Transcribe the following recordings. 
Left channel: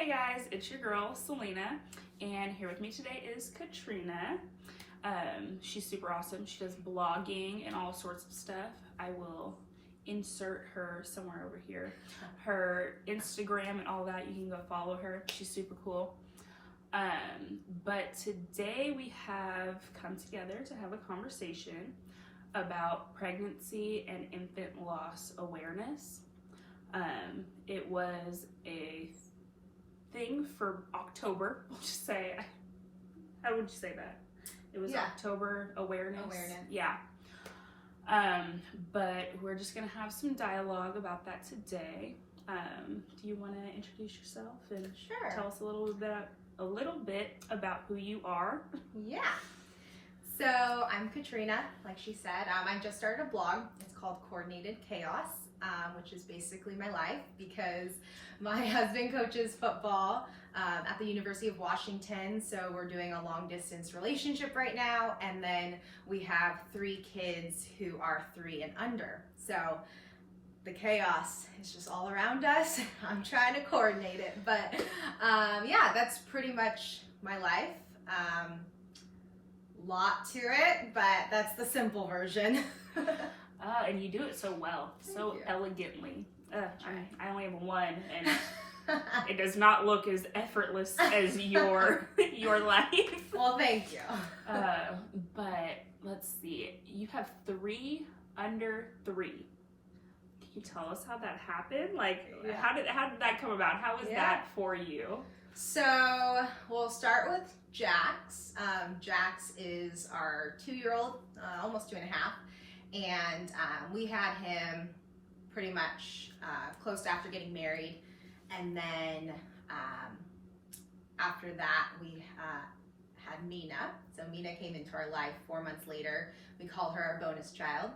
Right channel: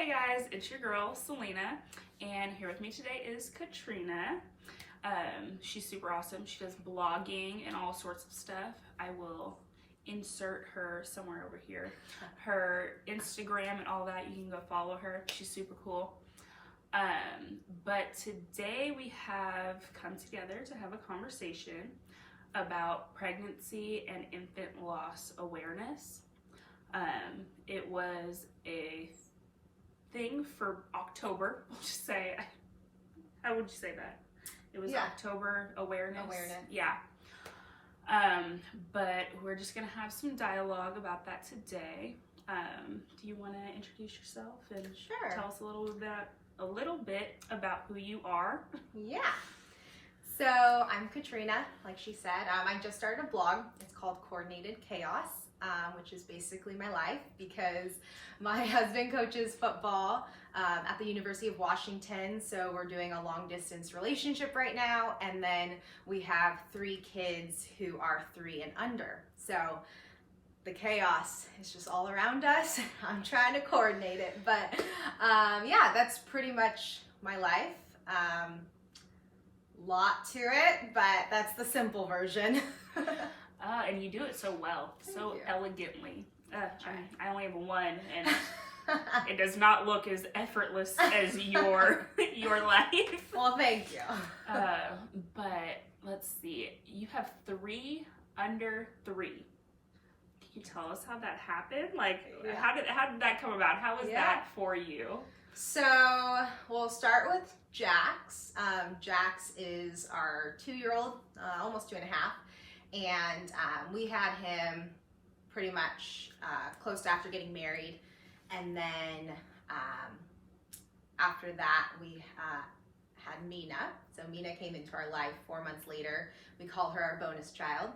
Hey guys, it's your girl Selena, and here with me today is Katrina. She's super awesome. She does blogging and all sorts of stuff. I will insert her somewhere over here. Her Instagram and all that, you can go follow her. She's super cool. But today we have come together to have a conversation about pregnancy and infant loss awareness. It was a thing for October. We'll just say, how would you say that? It was October awareness. Yeah. But we're just gonna have some dialogue about that today. Do you want to introduce yourself and tell us a little bit about who you are? Yeah. So I'm Katrina, like she said. I just started a blog. It's called Coordinated Chaos, which is basically my life because my husband coaches football at the University of Washington. So we're doing a long distance relationship right now. And then we have 3 kids who are 3 and under. So the chaos is just all around us. I'm trying to coordinate it. But yeah, that's pretty much my life. Lot to it, but that's the simple version. And you do it so well, so elegantly. I only have one, and it does not look as effortless as your life. Well, thank you. But let's see. You have 3 under 3. Can you tell us how that happened? Like, how did that come about? How was that for you? So we'll start with Jax. Jax is our 2-year-old, almost 2.5, and we had him pretty much close after getting married, and then after that we had Mina. So Mina came into our life 4 months later. We called her our bonus child.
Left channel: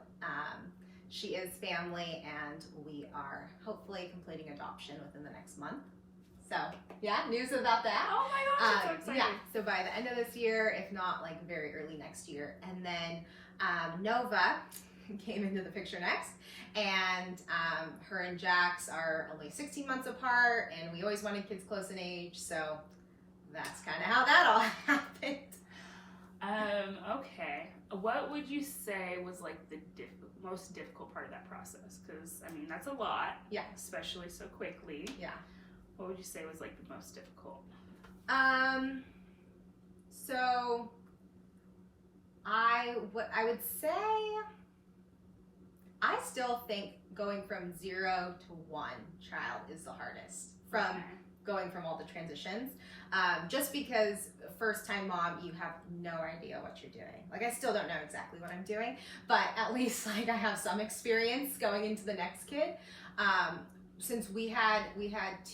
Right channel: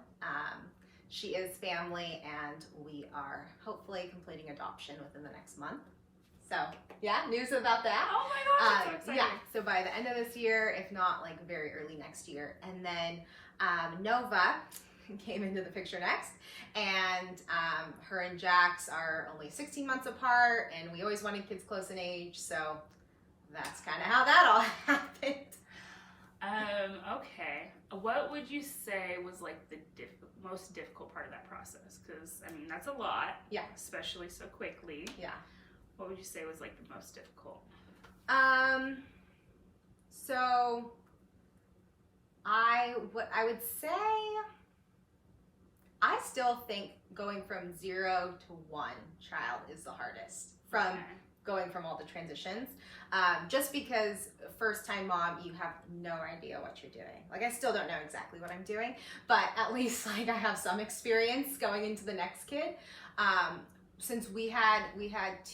She is family, and we are hopefully completing adoption within the next month. So yeah, news about that. Oh my gosh, that's so exciting. Yeah, so by the end of this year, if not like very early next year. And then Nova came into the picture next, and her and Jax are only 16 months apart, and we always wanted kids close in age, so that's kind of how that all happened. Okay. What would you say was like the most difficult part of that process? Because I mean, that's a lot. Yeah. Especially so quickly. Yeah. What would you say was like the most difficult? So what I would say, I still think going from 0 to 1 child is the hardest from going from all the transitions. Just because first time mom, you have no idea what you're doing. Like, I still don't know exactly what I'm doing, but at least like I have some experience going into the next kid. Since we had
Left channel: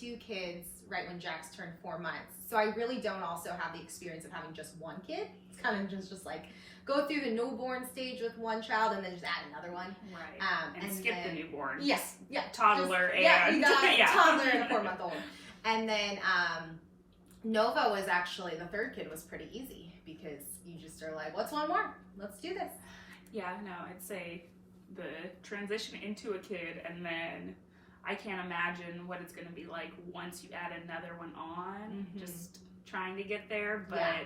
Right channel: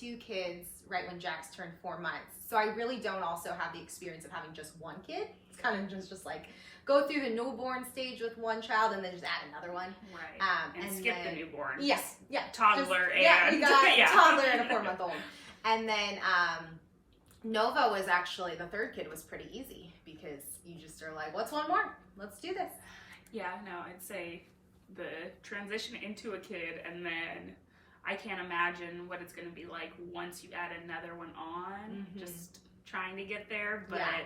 2 kids right when Jax turned 4 months, so I really don't also have the experience of having just 1 kid. It's kind of just like go through the newborn stage with 1 child and then just add another one. Right. And skip the newborn. Yes. Yeah. Toddler you got a toddler and a 4-month-old. And then Nova was actually, the 3rd kid was pretty easy because you just are like, what's 1 more? Let's do this. Yeah, no, I'd say the transition into a kid, and then I can't imagine what it's going to be like once you add another one on, just trying to get there, but... Yeah.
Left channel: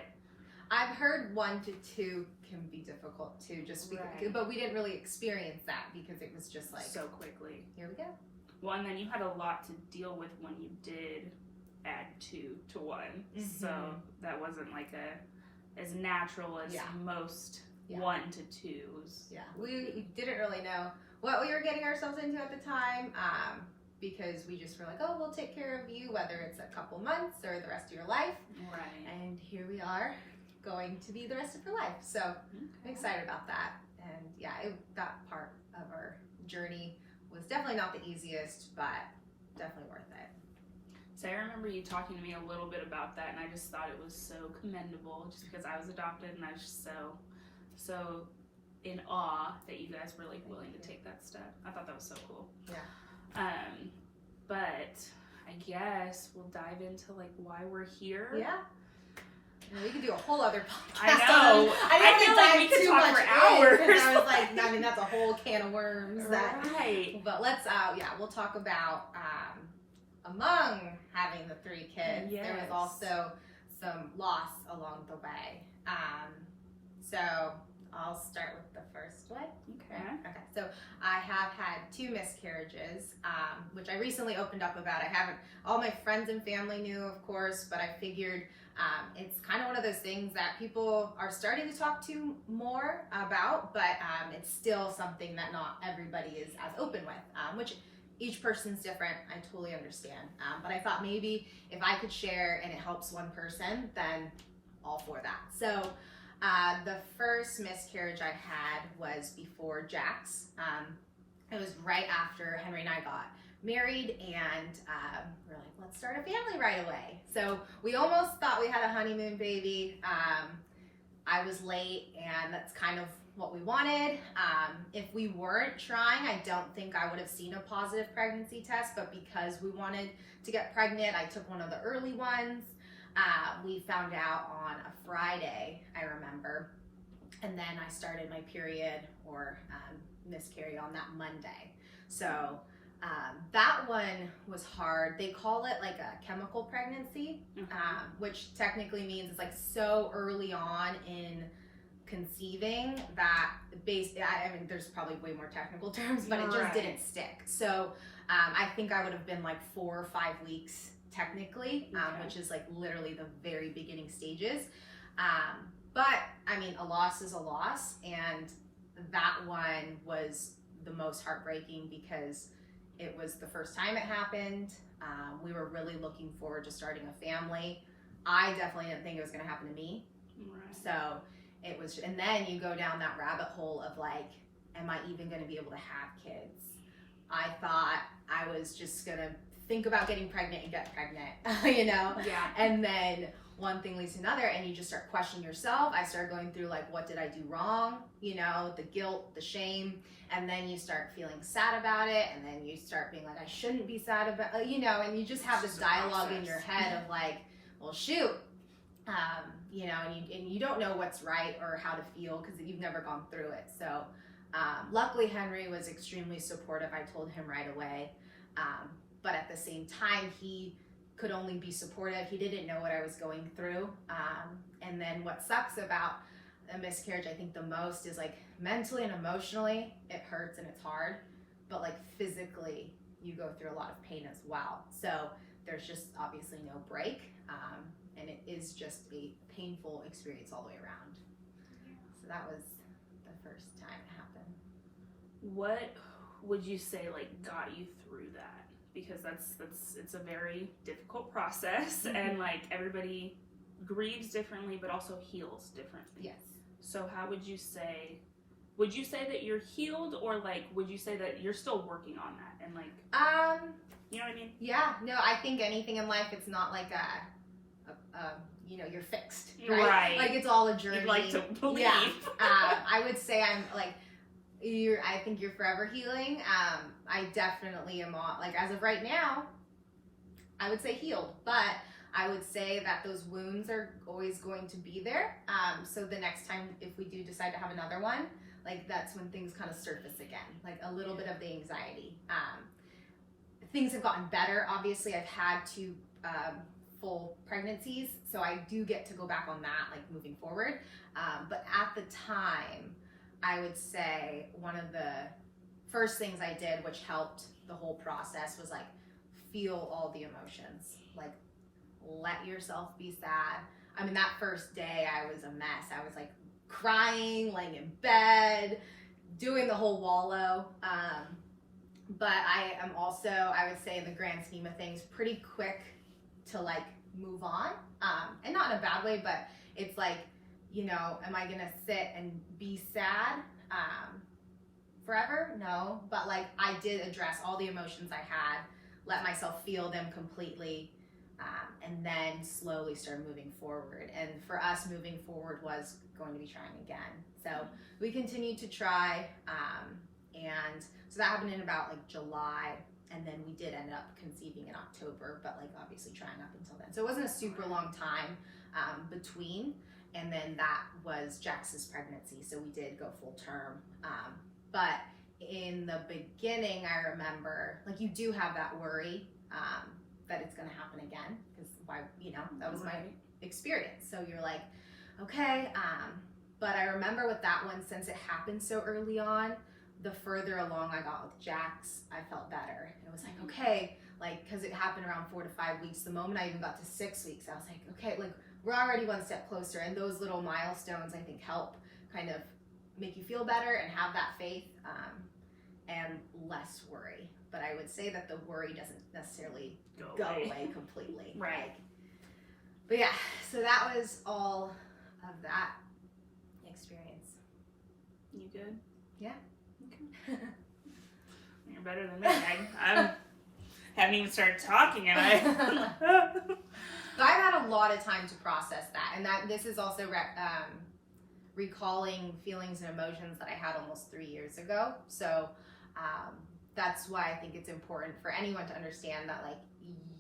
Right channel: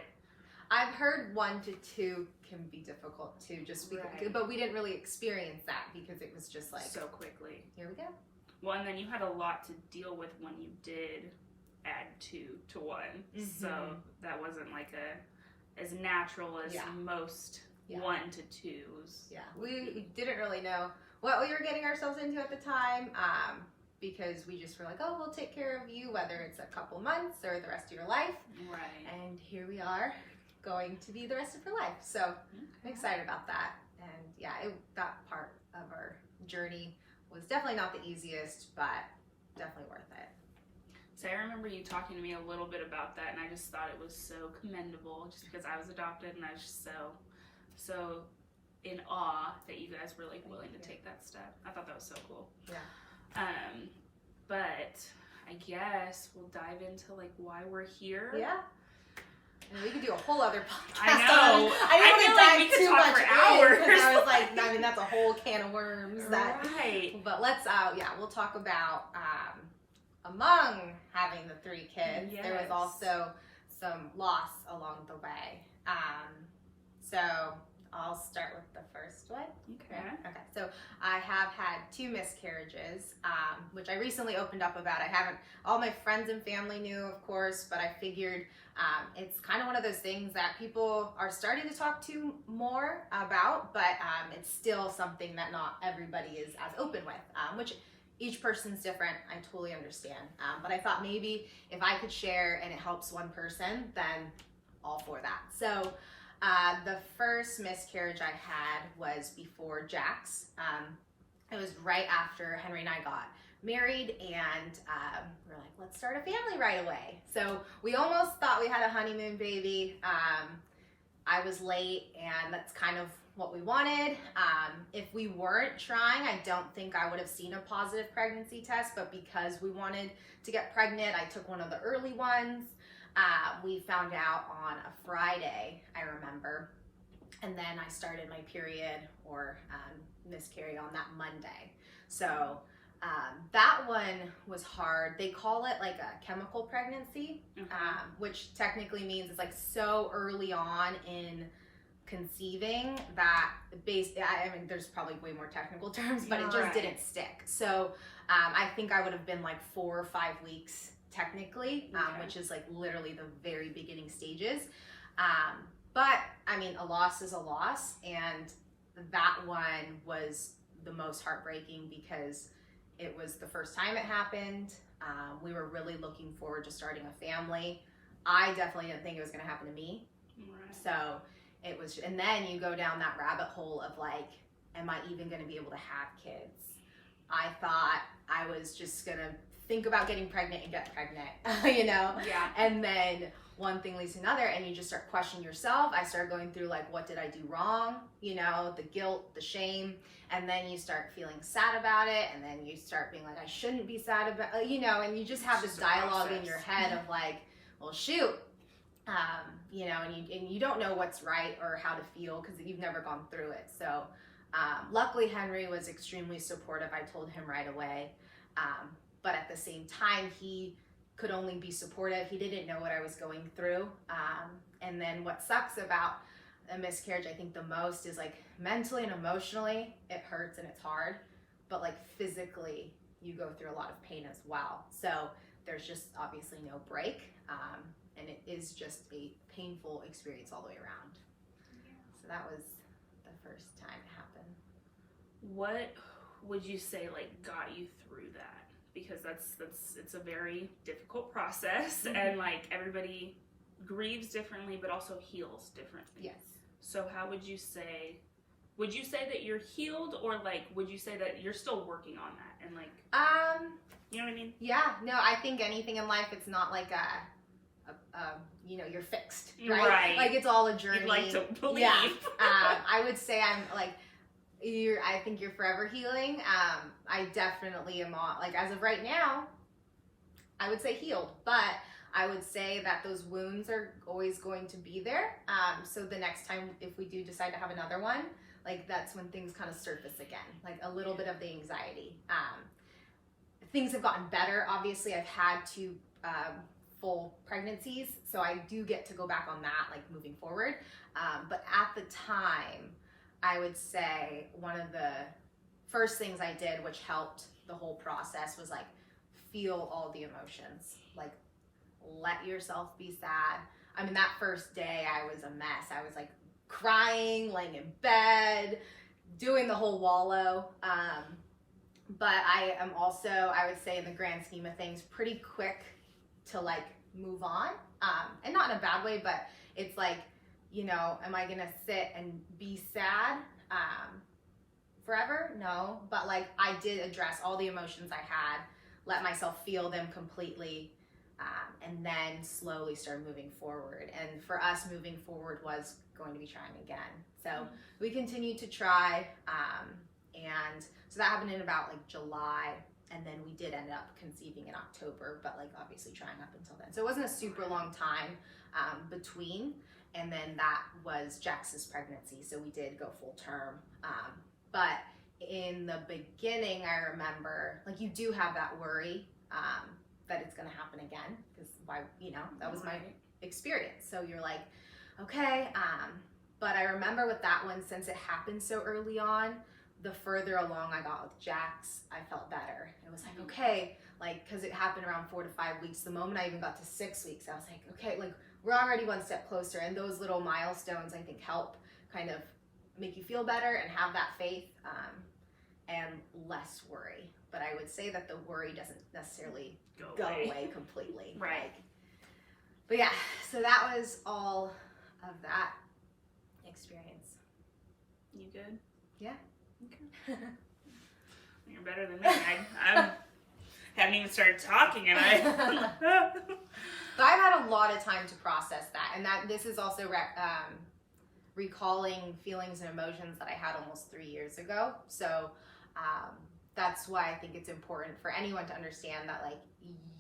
I've heard 1 to 2 can be difficult too, just because, but we didn't really experience that because it was just like... So quickly. Here we go. Well, and then you had a lot to deal with when you did add 2 to 1, so that wasn't like as natural as most 1 to 2s. Yeah, we didn't really know what we were getting ourselves into at the time, because we just were like, oh, we'll take care of you, whether it's a couple months or the rest of your life. Right. And here we are, going to be the rest of her life. So I'm excited about that. And yeah, that part of our journey was definitely not the easiest, but definitely worth it. So I remember you talking to me a little bit about that, and I just thought it was so commendable, just because I was adopted, and I was just so in awe that you guys were like willing to take that step. I thought that was so cool. Yeah. But I guess we'll dive into like why we're here. Yeah. And we could do a whole other podcast. I know. I feel like we could talk for hours. I was like, I mean, that's a whole can of worms. Right. But let's, we'll talk about among having the 3 kids, Yes. there was also some loss along the way. So I'll start with the first one. Okay. So I have had 2 miscarriages, which I recently opened up about. I haven't, all my friends and family knew, of course, but I figured it's kind of one of those things that people are starting to talk to more about, but it's still something that not everybody is as open with, which each person's different. I totally understand. But I thought maybe if I could share and it helps one person, then all for that. So the first miscarriage I had was before Jack's. It was right after Henry and I got married, and we're like, let's start a family right away. So we almost thought we had a honeymoon baby. I was late, and that's kind of what we wanted. If we weren't trying, I don't think I would have seen a positive pregnancy test, but because we wanted to get pregnant, I took one of the early ones. We found out on a Friday, I remember, and then I started my period or miscarry on that Monday. So that one was hard. They call it like a chemical pregnancy, which technically means it's like so early on in conceiving that I mean, there's probably way more technical terms, but it just didn't stick. So I think I would have been like 4 or 5 weeks technically, which is like literally the very beginning stages. But I mean, a loss is a loss, and that one was the most heartbreaking because it was the first time it happened. We were really looking forward to starting a family. I definitely didn't think it was going to happen to me. So it was, and then you go down that rabbit hole of like, am I even going to be able to have kids? I thought I was just going to think about getting pregnant and get pregnant, you know? Yeah. And then one thing leads to another, and you just start questioning yourself. I started going through like, what did I do wrong? You know, the guilt, the shame, and then you start feeling sad about it, and then you start being like, I shouldn't be sad about, you know, and you just have this dialogue in your head of like, well, shoot, you know, and you don't know what's right or how to feel because you've never gone through it. So luckily Henry was extremely supportive. I told him right away, but at the same time, he could only be supportive. He didn't know what I was going through. And then what sucks about a miscarriage, I think the most, is like mentally and emotionally, it hurts and it's hard, but like physically, you go through a lot of pain as well. So there's just obviously no break. And it is just a painful experience all the way around. So that was the first time it happened. What would you say like got you through that? Because it's a very difficult process, and like everybody grieves differently but also heals differently. Yes. So how would you say that you're healed, or like would you say that you're still working on that, and like you know what I mean? Yeah, no, I think anything in life, it's not like you know, you're fixed, right? Like it's all a journey. You'd like to believe. Yeah. I would say I'm like, I think you're forever healing. I definitely am on, like, as of right now, I would say healed, but I would say that those wounds are always going to be there. So the next time, if we do decide to have another one, like that's when things kind of surface again, like a little bit of the anxiety. Things have gotten better. Obviously, I've had 2 full pregnancies, so I do get to go back on that, like moving forward. But at the time, I would say one of the first things I did, which helped the whole process, was like feel all the emotions. Like let yourself be sad. I mean, that first day I was a mess. I was like crying, laying in bed, doing the whole wallow. But I am also, I would say in the grand scheme of things, pretty quick to like move on. And not in a bad way, but it's like, you know, am I gonna sit and be sad forever? No, but like I did address all the emotions I had, let myself feel them completely, and then slowly start moving forward. And for us, moving forward was going to be trying again. So we continued to try, and so that happened in about like July, and then we did end up conceiving in October, but like obviously trying up until then. So it wasn't a super long time between. And then that was Jax's pregnancy, so we did go full term. But in the beginning, I remember, like you do have that worry, that it's going to happen again, because why, that was my Right. experience. So you're like, okay. But I remember with that one, since it happened so early on, the further along I got with Jax, I felt better. It was like, okay, like, because it happened around 4 to 5 weeks. The moment I even got to 6 weeks, I was like, okay, like, we're already one step closer. And those little milestones, I think, help kind of make you feel better and have that faith, and less worry. But I would say that the worry doesn't necessarily go away completely. Right. Like, but yeah, so that was all of that experience. You good? Yeah. Okay. You're better than me. I haven't even started talking, and But I've had a lot of time to process that, and this is also recalling feelings and emotions that I had almost 3 years ago. So that's why I think it's important for anyone to understand that, like,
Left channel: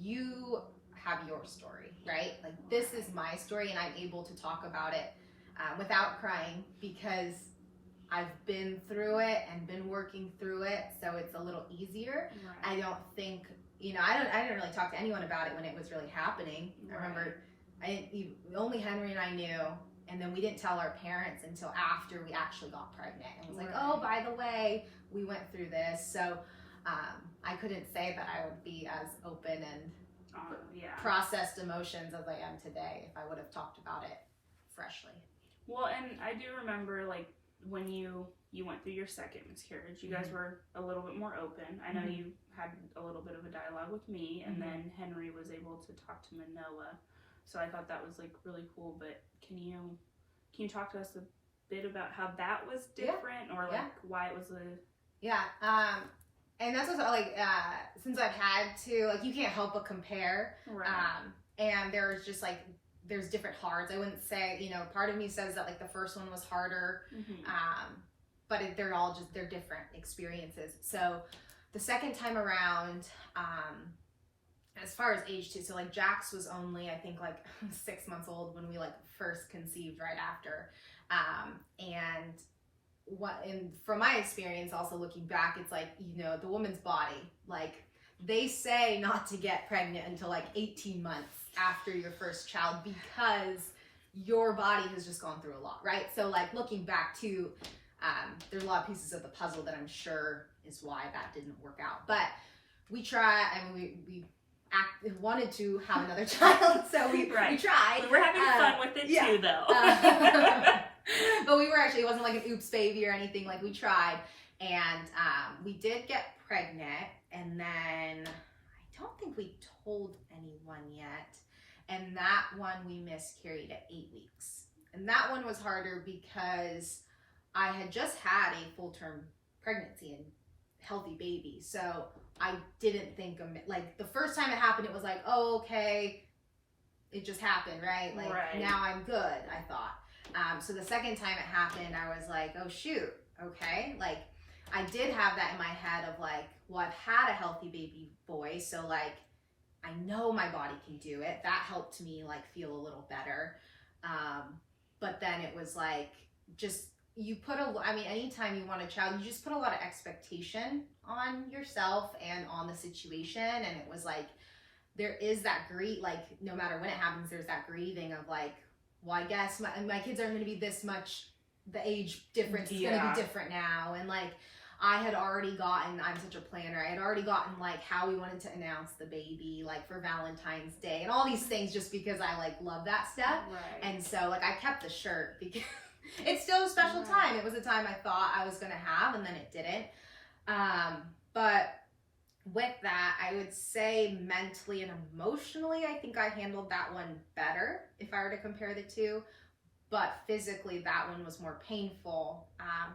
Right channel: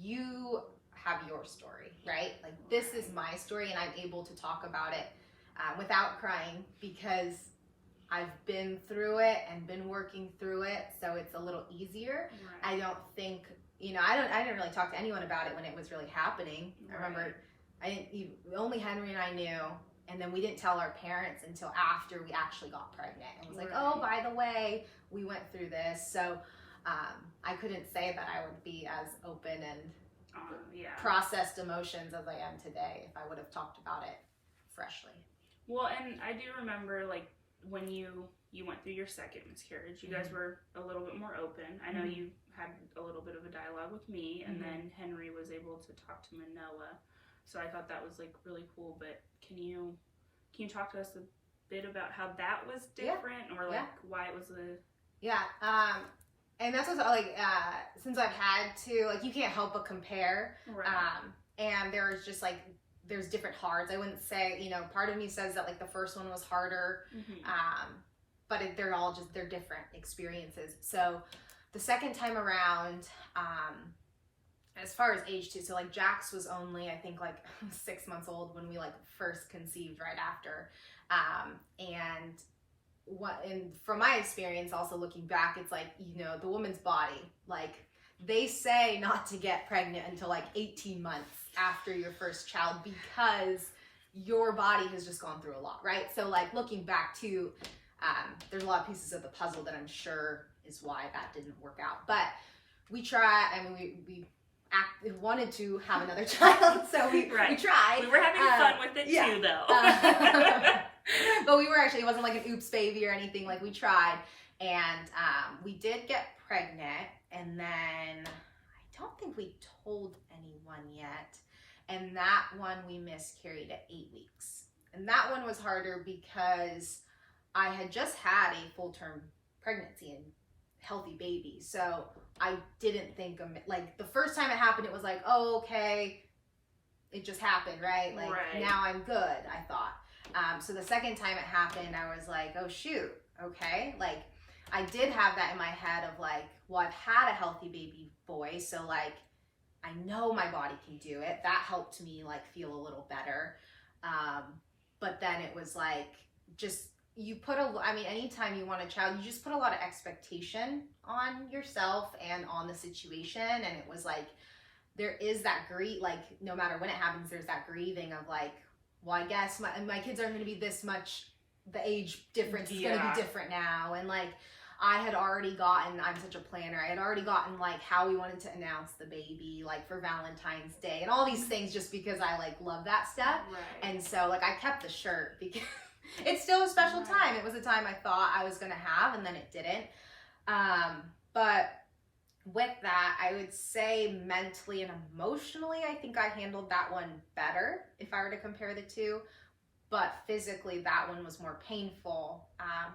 you have your story, right? Like, this is my story, and I'm able to talk about it without crying, because I've been through it and been working through it, so it's a little easier. Right. I don't think, I didn't really talk to anyone about it when it was really happening. Right. I remember only Henry and I knew, and then we didn't tell our parents until after we actually got pregnant, and was like, oh, by the way, we went through this. So I couldn't say that I would be as open and processed emotions as I am today if I would have talked about it freshly. Well, and I do remember, like, when you went through your second miscarriage, you guys were a little bit more open. I know you had a little bit of a dialogue with me, and then Henry was able to talk to Manoa. So I thought that was, like, really cool. But can you talk to us a bit about how that was different, or like why it was and that's what, like, since I've had to, like, you can't help but compare, right. And there's just, like, there's different hards. I wouldn't say, part of me says that, like, the first one was harder, but they're different experiences. So the second time around, as far as age too, so, like, Jax was only, I think, like, 6 months old when we, like, first conceived right after, and from my experience, also looking back, it's like, the woman's body, like, they say not to get pregnant until, like, 18 months after your first child, because your body has just gone through a lot, right? So, like, looking back to, there's a lot of pieces of the puzzle that I'm sure is why that didn't work out. But we tried, and we wanted to have another child, so we tried. We were having fun with it too, though. But we were actually, it wasn't like an oops baby or anything. Like, we tried, and we did get pregnant, and then I don't think we told anyone yet. And that one we miscarried at 8 weeks. And that one was harder because I had just had a full-term pregnancy and healthy baby. So I didn't think, like, the first time it happened, it was like, oh, okay, it just happened, right? Like, now I'm good, I thought. So the second time it happened, I was like, oh, shoot, okay. Like, I did have that in my head of, like, well, I've had a healthy baby boy, so, like, I know my body can do it. That helped me, like, feel a little better. But then it was like, just, anytime you want a child, you just put a lot of expectation on yourself and on the situation. And it was like, there is that like, no matter when it happens, there's that grieving of, like, well, I guess my kids aren't going to be this much, the age difference is going to be different now. And, like, I had already gotten, I'm such a planner, I had already gotten, like, how we wanted to announce the baby, like, for Valentine's Day and all these things, just because I, like, love that stuff. Right. And so, like, I kept the shirt because it's still a special time. It was a time I thought I was going to have, and then it didn't. But with that, I would say mentally and emotionally, I think I handled that one better if I were to compare the two. But physically, that one was more painful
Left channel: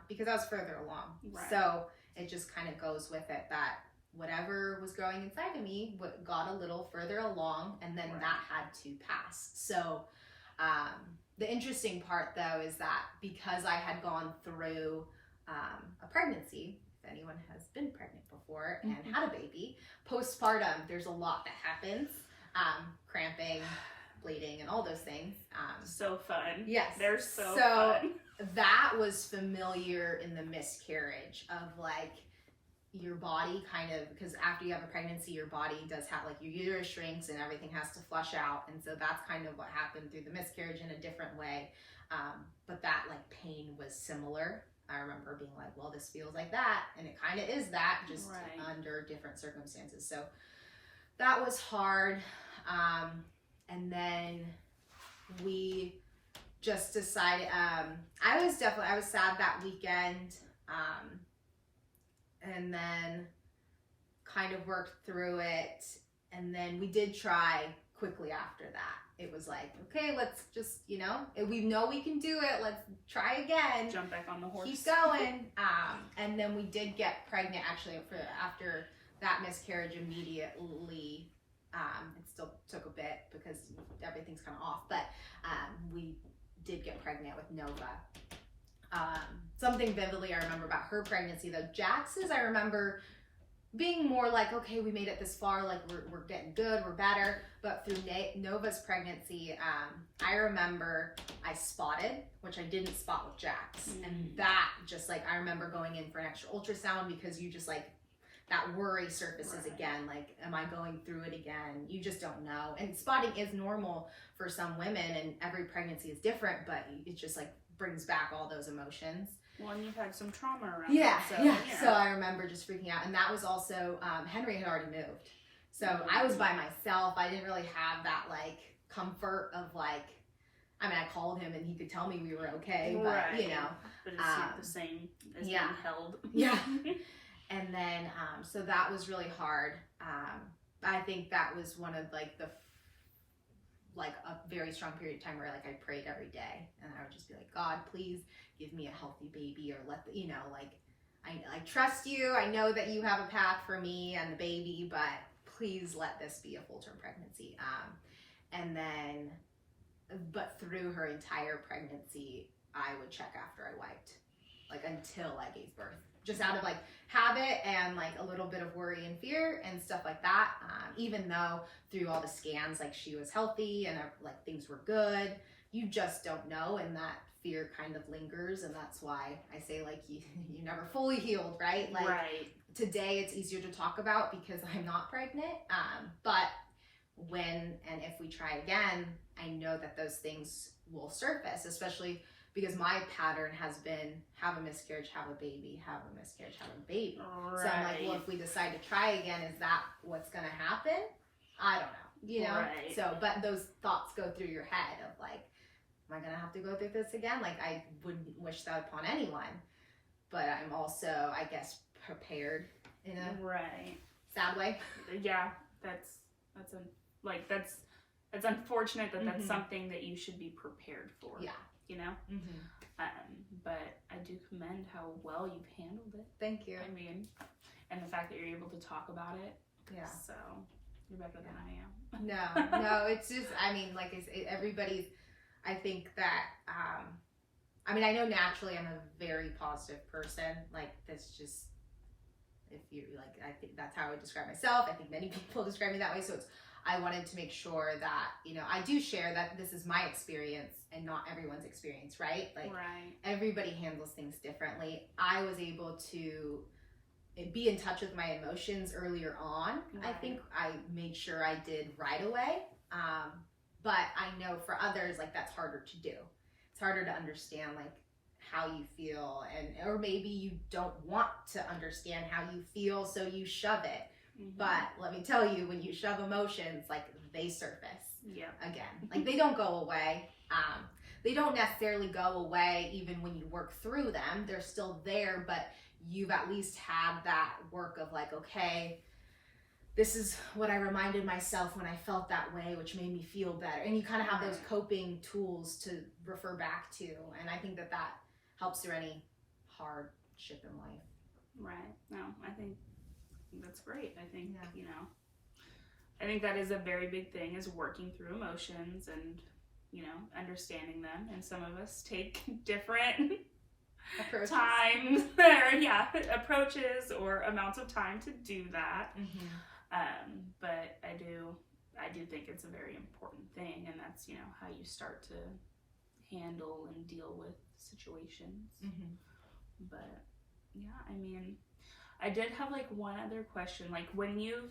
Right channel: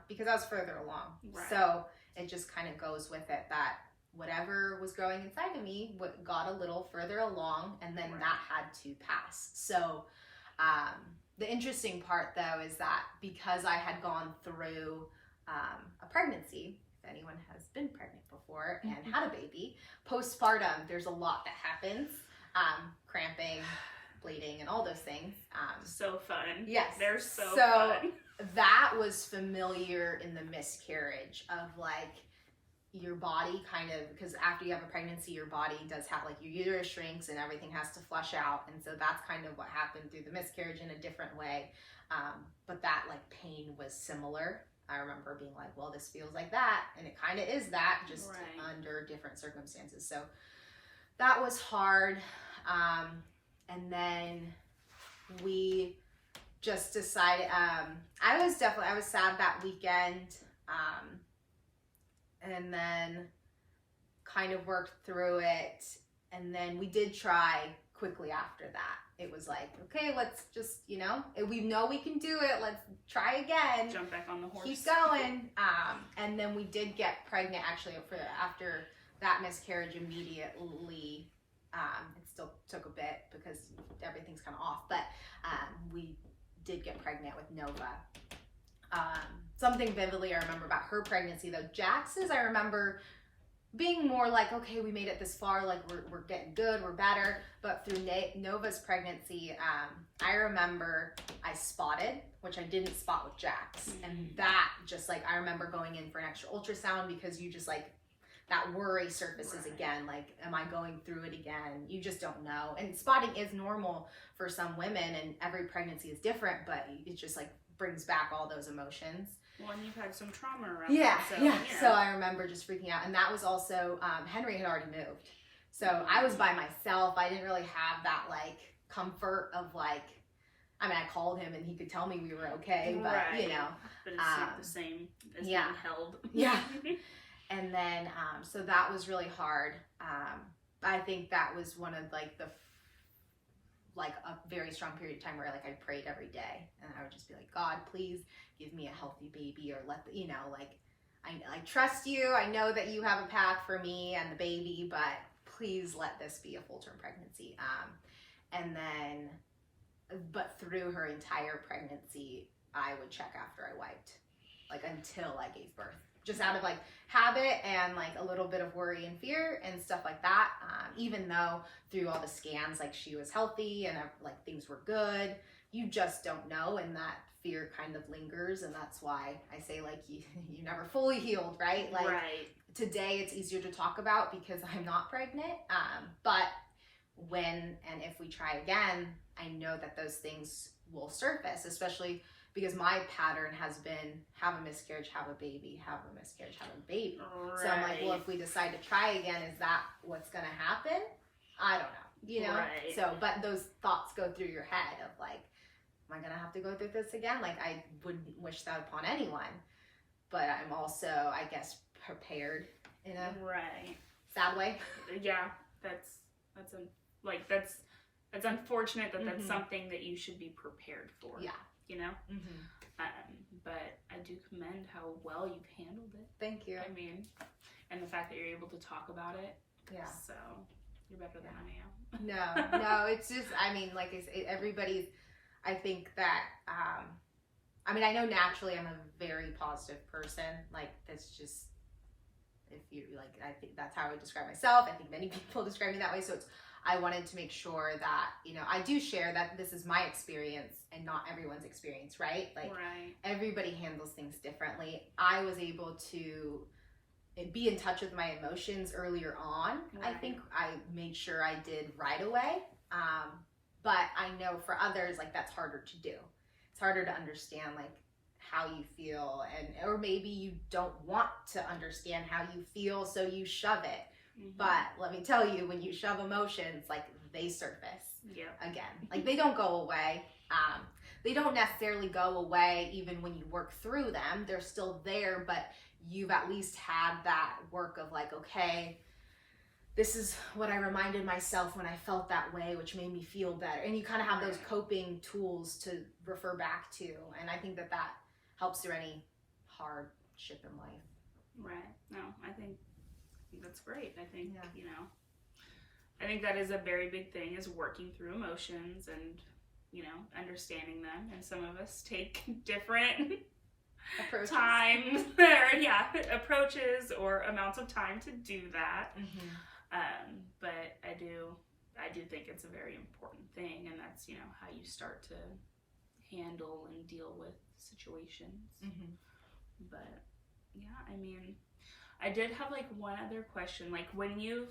because I was further along. Right. So it just kind of goes with it that whatever was growing inside of me got a little further along, and then that had to pass. So the interesting part, though, is that because I had gone through a pregnancy, if anyone has been pregnant before and had a baby, postpartum, there's a lot that happens, cramping, bleeding, and all those things. So fun. Yes. They're so fun. That was familiar in the miscarriage of, like, your body kind of, because after you have a pregnancy, your body does have, like, your uterus shrinks and everything has to flush out. And so that's kind of what happened through the miscarriage in a different way. But that, like, pain was similar. I remember being like, well, this feels like that. And it kind of is that, just under different circumstances. So that was hard. And then we just decided, I was sad that weekend. And then kind of worked through it. And then we did try quickly after that. It was like, okay, let's just, we know we can do it. Let's try again. Jump back on the horse. Keep going. And then we did get pregnant actually after that miscarriage immediately. It still took a bit because everything's kind of off, but we did get pregnant with Nova. Something vividly I remember about her pregnancy, though. Jax's, I remember being more like, okay, we made it this far, like we're getting good, we're better. But through Nova's pregnancy, I remember I spotted, which I didn't spot with Jax. And that just, like, I remember going in for an extra ultrasound because you just, like, that worry surfaces again, like, am I going through it again? You just don't know. And spotting is normal for some women, and every pregnancy is different, but it just, like, brings back all those emotions. Well, and you've had some trauma around that, so I remember just freaking out. And that was also, Henry had already moved. So I was by myself. I didn't really have that, like, comfort of, like, I mean, I called him and he could tell me we were okay, but, But it's not the same as being held. Yeah. And then, so that was really hard. I think that was one of, like, a very strong period of time where, like, I prayed every day, and I would just be like, God, please give me a healthy baby, or I trust you. I know that you have a path for me and the baby, but please let this be a full-term pregnancy. And then, but through her entire pregnancy, I would check after I wiped, like, until I gave birth, just out of, like, habit and, like, a little bit of worry and fear and stuff like that. Even though through all the scans, like, she was healthy and, like, things were good, you just don't know, and that fear kind of lingers. And that's why I say, like, you never fully healed, right? Like, today it's easier to talk about because I'm not pregnant. But when and if we try again, I know that those things will surface, especially because my pattern has been have a miscarriage, have a baby, have a miscarriage, have a baby. Right. So I'm like, well, if we decide to try again, is that what's going to happen? I don't know, Right. So, but those thoughts go through your head of, like, am I going to have to go through this again? Like, I wouldn't wish that upon anyone, but I'm also, I guess, prepared in a sad way. Yeah, that's unfortunate that that's something that you should be prepared for. Yeah. But I do commend how well you've handled it. Thank you. I mean, and the fact that you're able to talk about it. Yeah. So you're better than I am. No, it's just, I mean, like, everybody's, I think that, I mean, I know naturally I'm a very positive person. Like, that's just, if you, like, I think that's how I would describe myself. I think many people describe me that way. So I wanted to make sure that, I do share that this is my experience and not everyone's experience, right? Like, everybody handles things differently. I was able to be in touch with my emotions earlier on. I think I made sure I did right away. But I know for others, like, that's harder to do. It's harder to understand, like, how you feel, or maybe you don't want to understand how you feel, so you shove it. But let me tell you, when you shove emotions, like, they surface again. Like, they don't go away. They don't necessarily go away even when you work through them. They're still there, but you've at least had that work of, like, okay, this is what I reminded myself when I felt that way, which made me feel better. And you kind of have those coping tools to refer back to. And I think that helps through any hardship in life. Right. No, I think that's great. I think, I think that is a very big thing, is working through emotions and, understanding them. And some of us take different approaches. Approaches or amounts of time to do that. But I do think it's a very important thing, and that's, how you start to handle and deal with situations. But yeah, I mean, I did have like one other question. Like when you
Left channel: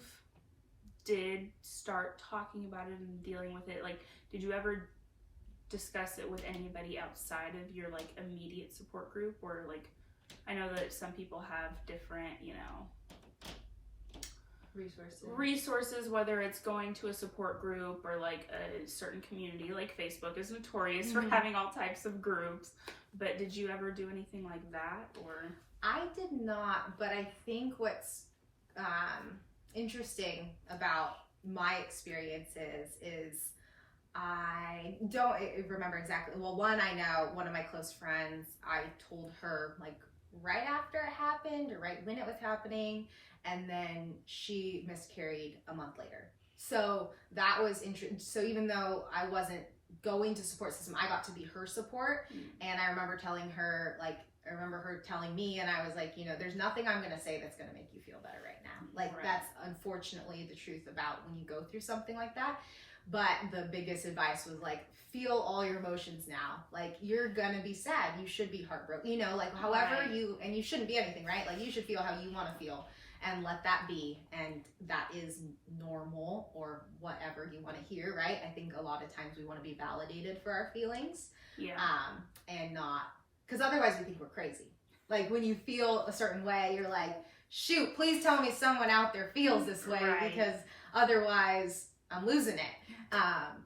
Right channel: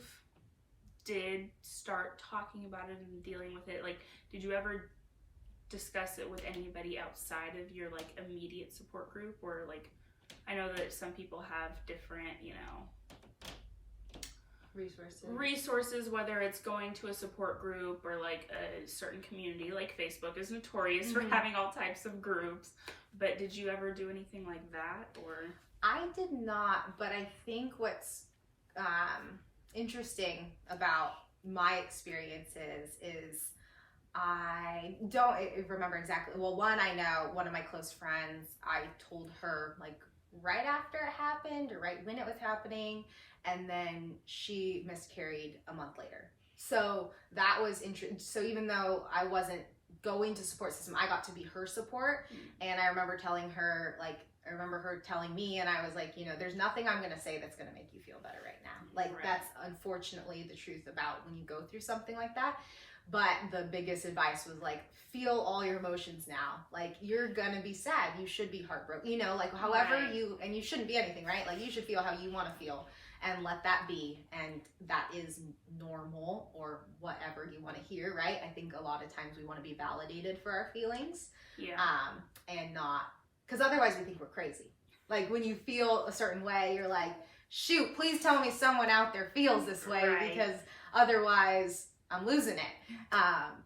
did start talking about it and dealing with it, like did you ever discuss it with anybody outside of your like immediate support group? Or like, I know that some people have different, you know, resources, whether it's going to a support group or like a certain community. Like Facebook is notorious for having all types of groups, but did you ever do anything like that? Or I did not, but I think what's interesting about my experiences is I don't remember exactly. Well, one, I know one of my close friends, I told her like right after it happened or right when it was happening, and then she miscarried a month later. So that was interesting. So even though I wasn't going to support system, I got to be her support. And I remember telling her, like, I remember her telling me, and I was like, you know, there's nothing I'm going to say that's going to make you feel better right now. Like, that's unfortunately the truth about when you go through something like that. But the biggest advice was like, feel all your emotions now. Like, you're going to be sad. You should be heartbroken. You know, like, however and you shouldn't be anything, right? Like, you should feel how you want to feel and let that be. And that is normal, or whatever you want to hear, right? I think a lot of times we want to be validated for our feelings. And not, because otherwise we think we're crazy. Like, when you feel a certain way, you're like, shoot, please tell me someone out there feels this way, because otherwise I'm losing it.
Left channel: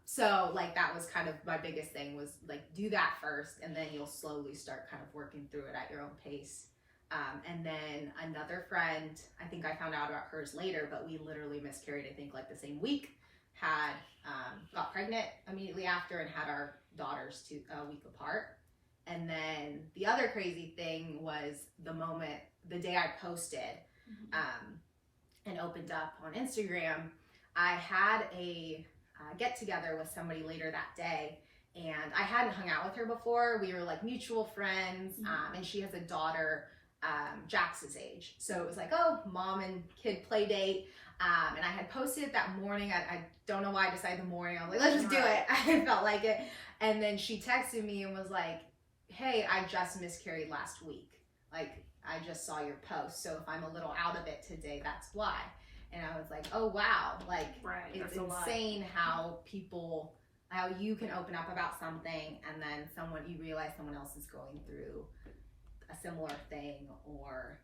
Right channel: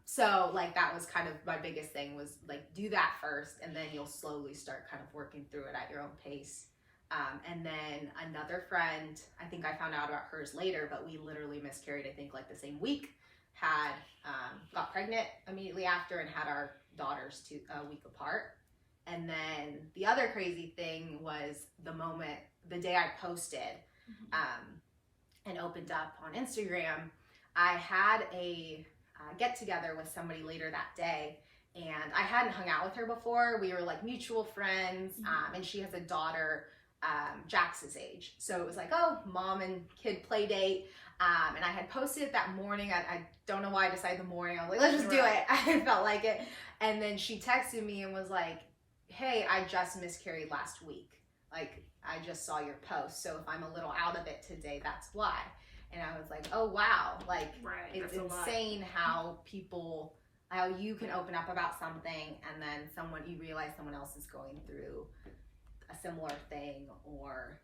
So like, that was kind of my biggest thing, was like, do that first, and then you'll slowly start kind of working through it at your own pace. And then another friend, I think I found out about hers later, but we literally miscarried, I think like the same week, got pregnant immediately after, and had our daughters a week apart. And then the other crazy thing was the day I posted and opened up on Instagram, I had a get together with somebody later that day, and I hadn't hung out with her before. We were like mutual friends, and she has a daughter Jax's age. So it was like, oh, mom and kid play date. And I had posted it that morning. I don't know why I decided the morning. I was like, let's just do it. I felt like it. And then she texted me and was like, hey, I just miscarried last week. Like, I just saw your post. So if I'm a little out of it today, that's why. And I was like, oh, wow. Like, it's insane how you can open up about something, and then you realize someone else is going through a similar thing, or,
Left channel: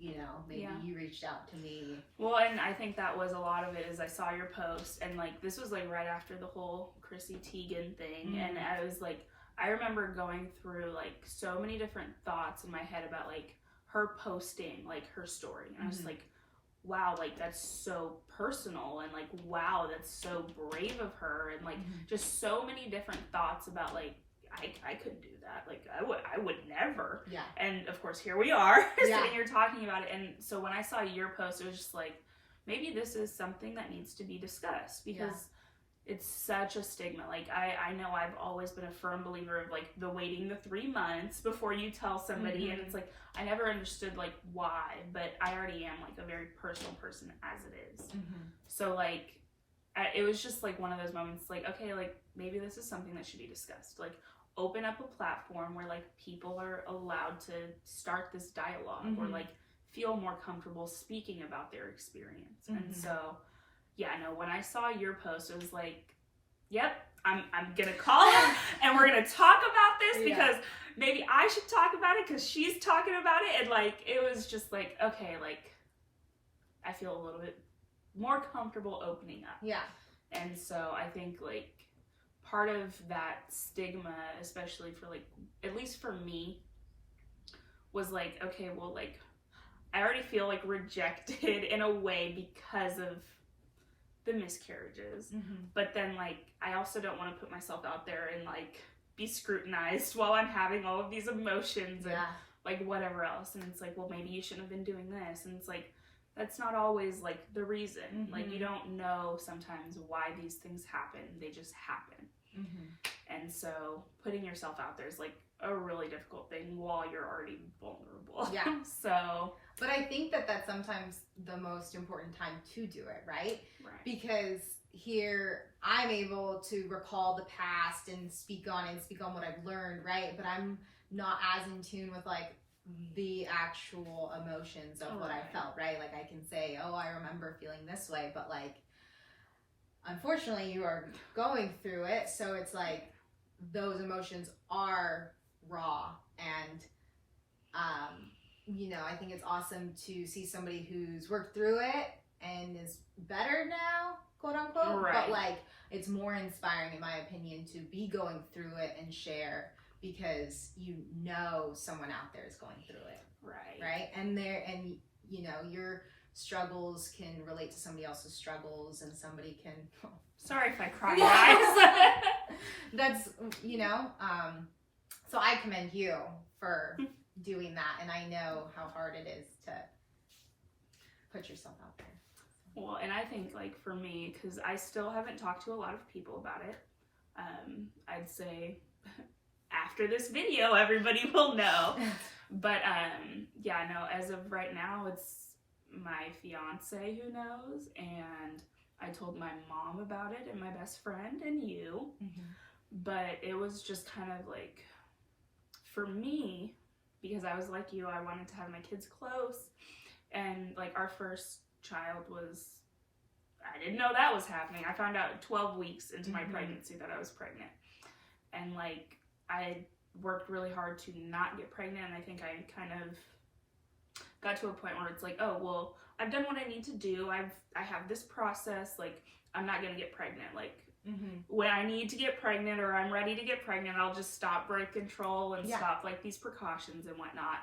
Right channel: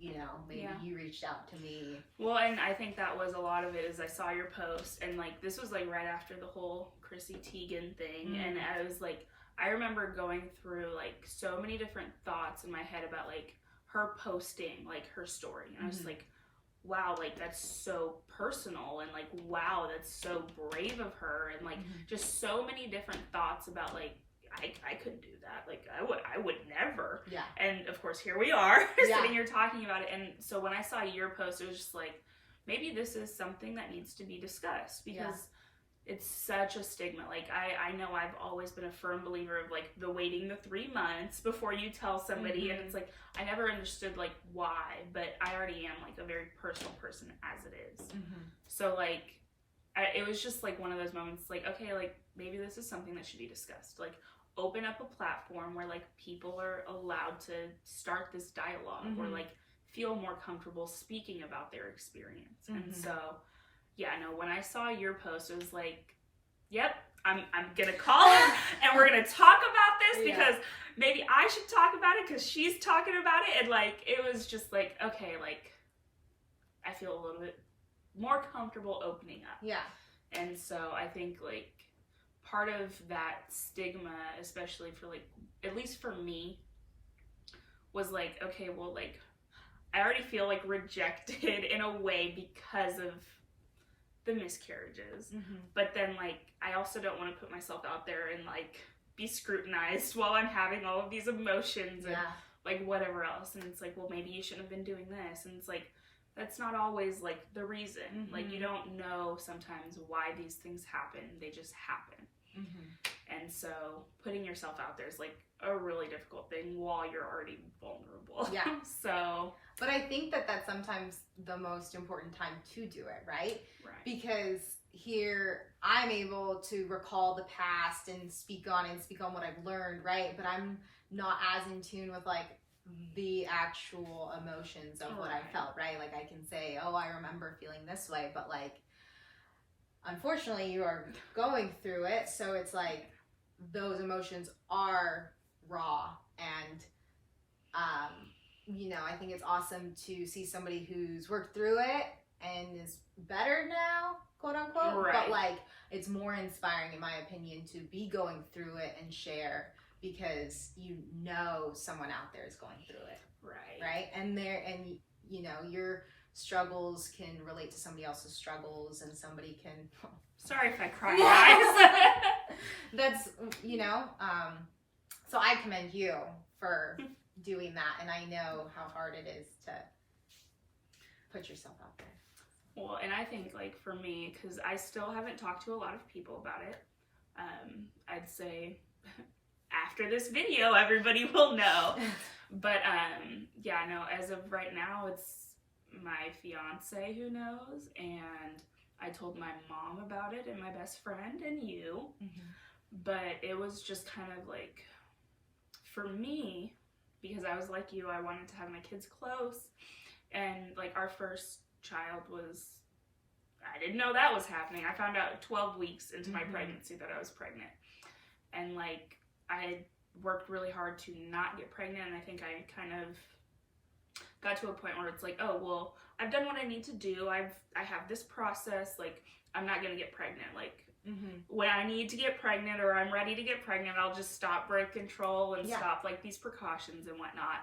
you know, maybe you reached out to me. Well, and I think that was a lot of it, is I saw your post, and like, this was like right after the whole Chrissy Teigen thing. And I was like, I remember going through like so many different thoughts in my head about like her posting like her story, and I was like, wow, like that's so personal, and like, wow, that's so brave of her, and like just so many different thoughts about like, I couldn't do that. Like, I would never. Yeah. And of course, here we are sitting here talking about it. And so when I saw your post, it was just like, maybe this is something that needs to be discussed, because it's such a stigma. Like, I know I've always been a firm believer of like the waiting the 3 months before you tell somebody. And it's like, I never understood like why, but I already am like a very personal person as it is. So like, it was just like one of those moments, like, okay, like maybe this is something that should be discussed. Like, open up a platform where like people are allowed to start this dialogue, or like feel more comfortable speaking about their experience. And so, when I saw your post, it was like, yep, I'm gonna call her and we're gonna talk about this, because maybe I should talk about it because she's talking about it. And like, it was just like, okay, like I feel a little bit more comfortable opening up. And so I think like part of that stigma, especially for like, at least for me, was like, okay, well, like I already feel like rejected in a way because of the miscarriages. But then like, I also don't want to put myself out there and like be scrutinized while I'm having all of these emotions and like whatever else. And it's like, well, maybe you shouldn't have been doing this. And it's like, that's not always like the reason. Like, you don't know sometimes why these things happen. They just happen. And so putting yourself out there is like a really difficult thing while you're already vulnerable. So, but I think that that's sometimes the most important time to do it, right? Because here I'm able to recall the past and speak on what I've learned, right? But I'm not as in tune with like the actual emotions of what I felt, right? Like I can say, oh, I remember feeling this way, but like, unfortunately you are going through it. So it's like, those emotions are raw. And, you know, I think it's awesome to see somebody who's worked through it and is better now, quote unquote. Right. But like, it's more inspiring, in my opinion, to be going through it and share, because you know someone out there is going through it. Right. And you know, your struggles can relate to somebody else's struggles, and somebody can. Sorry if I cry, guys. That's, you know, so I commend you for doing that, and I know how hard it is to put yourself out there. Well, and I think, like, for me, because I still haven't talked to a lot of people about it, I'd say after this video, everybody will know. But, yeah, no, as of right now, it's my fiance who knows, and I told my mom about it, and my best friend, and you. But it was just kind of like, for me, because I was like you, I wanted to have my kids close, and like our first child was, I didn't know that was happening. I found out 12 weeks into my pregnancy that I was pregnant, and like I worked really hard to not get pregnant, and I think I kind of got to a point where it's like, oh, well, I've done what I need to do. I have this process, like I'm not gonna get pregnant. Like when I need to get pregnant or I'm ready to get pregnant, I'll just stop birth control and stop like these precautions and whatnot.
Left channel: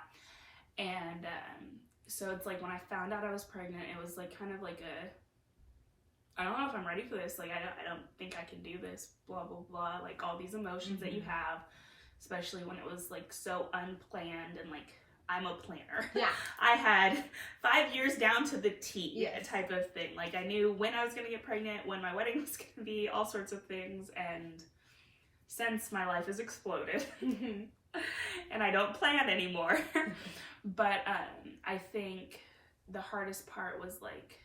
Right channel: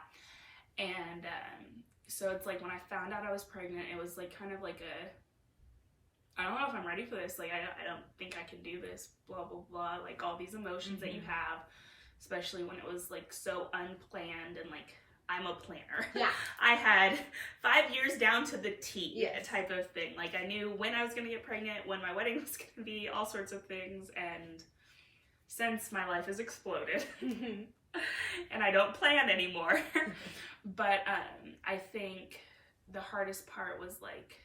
And so it's like when I found out I was pregnant, it was like kind of like I don't know if I'm ready for this. Like I don't think I can do this, blah, blah, blah. Like all these emotions that you have, especially when it was like so unplanned, and like I'm a planner. Yeah. I had 5 years down to the T type of thing. Like I knew when I was going to get pregnant, when my wedding was going to be, all sorts of things. And since my life has exploded and I don't plan anymore. But I think the hardest part was like,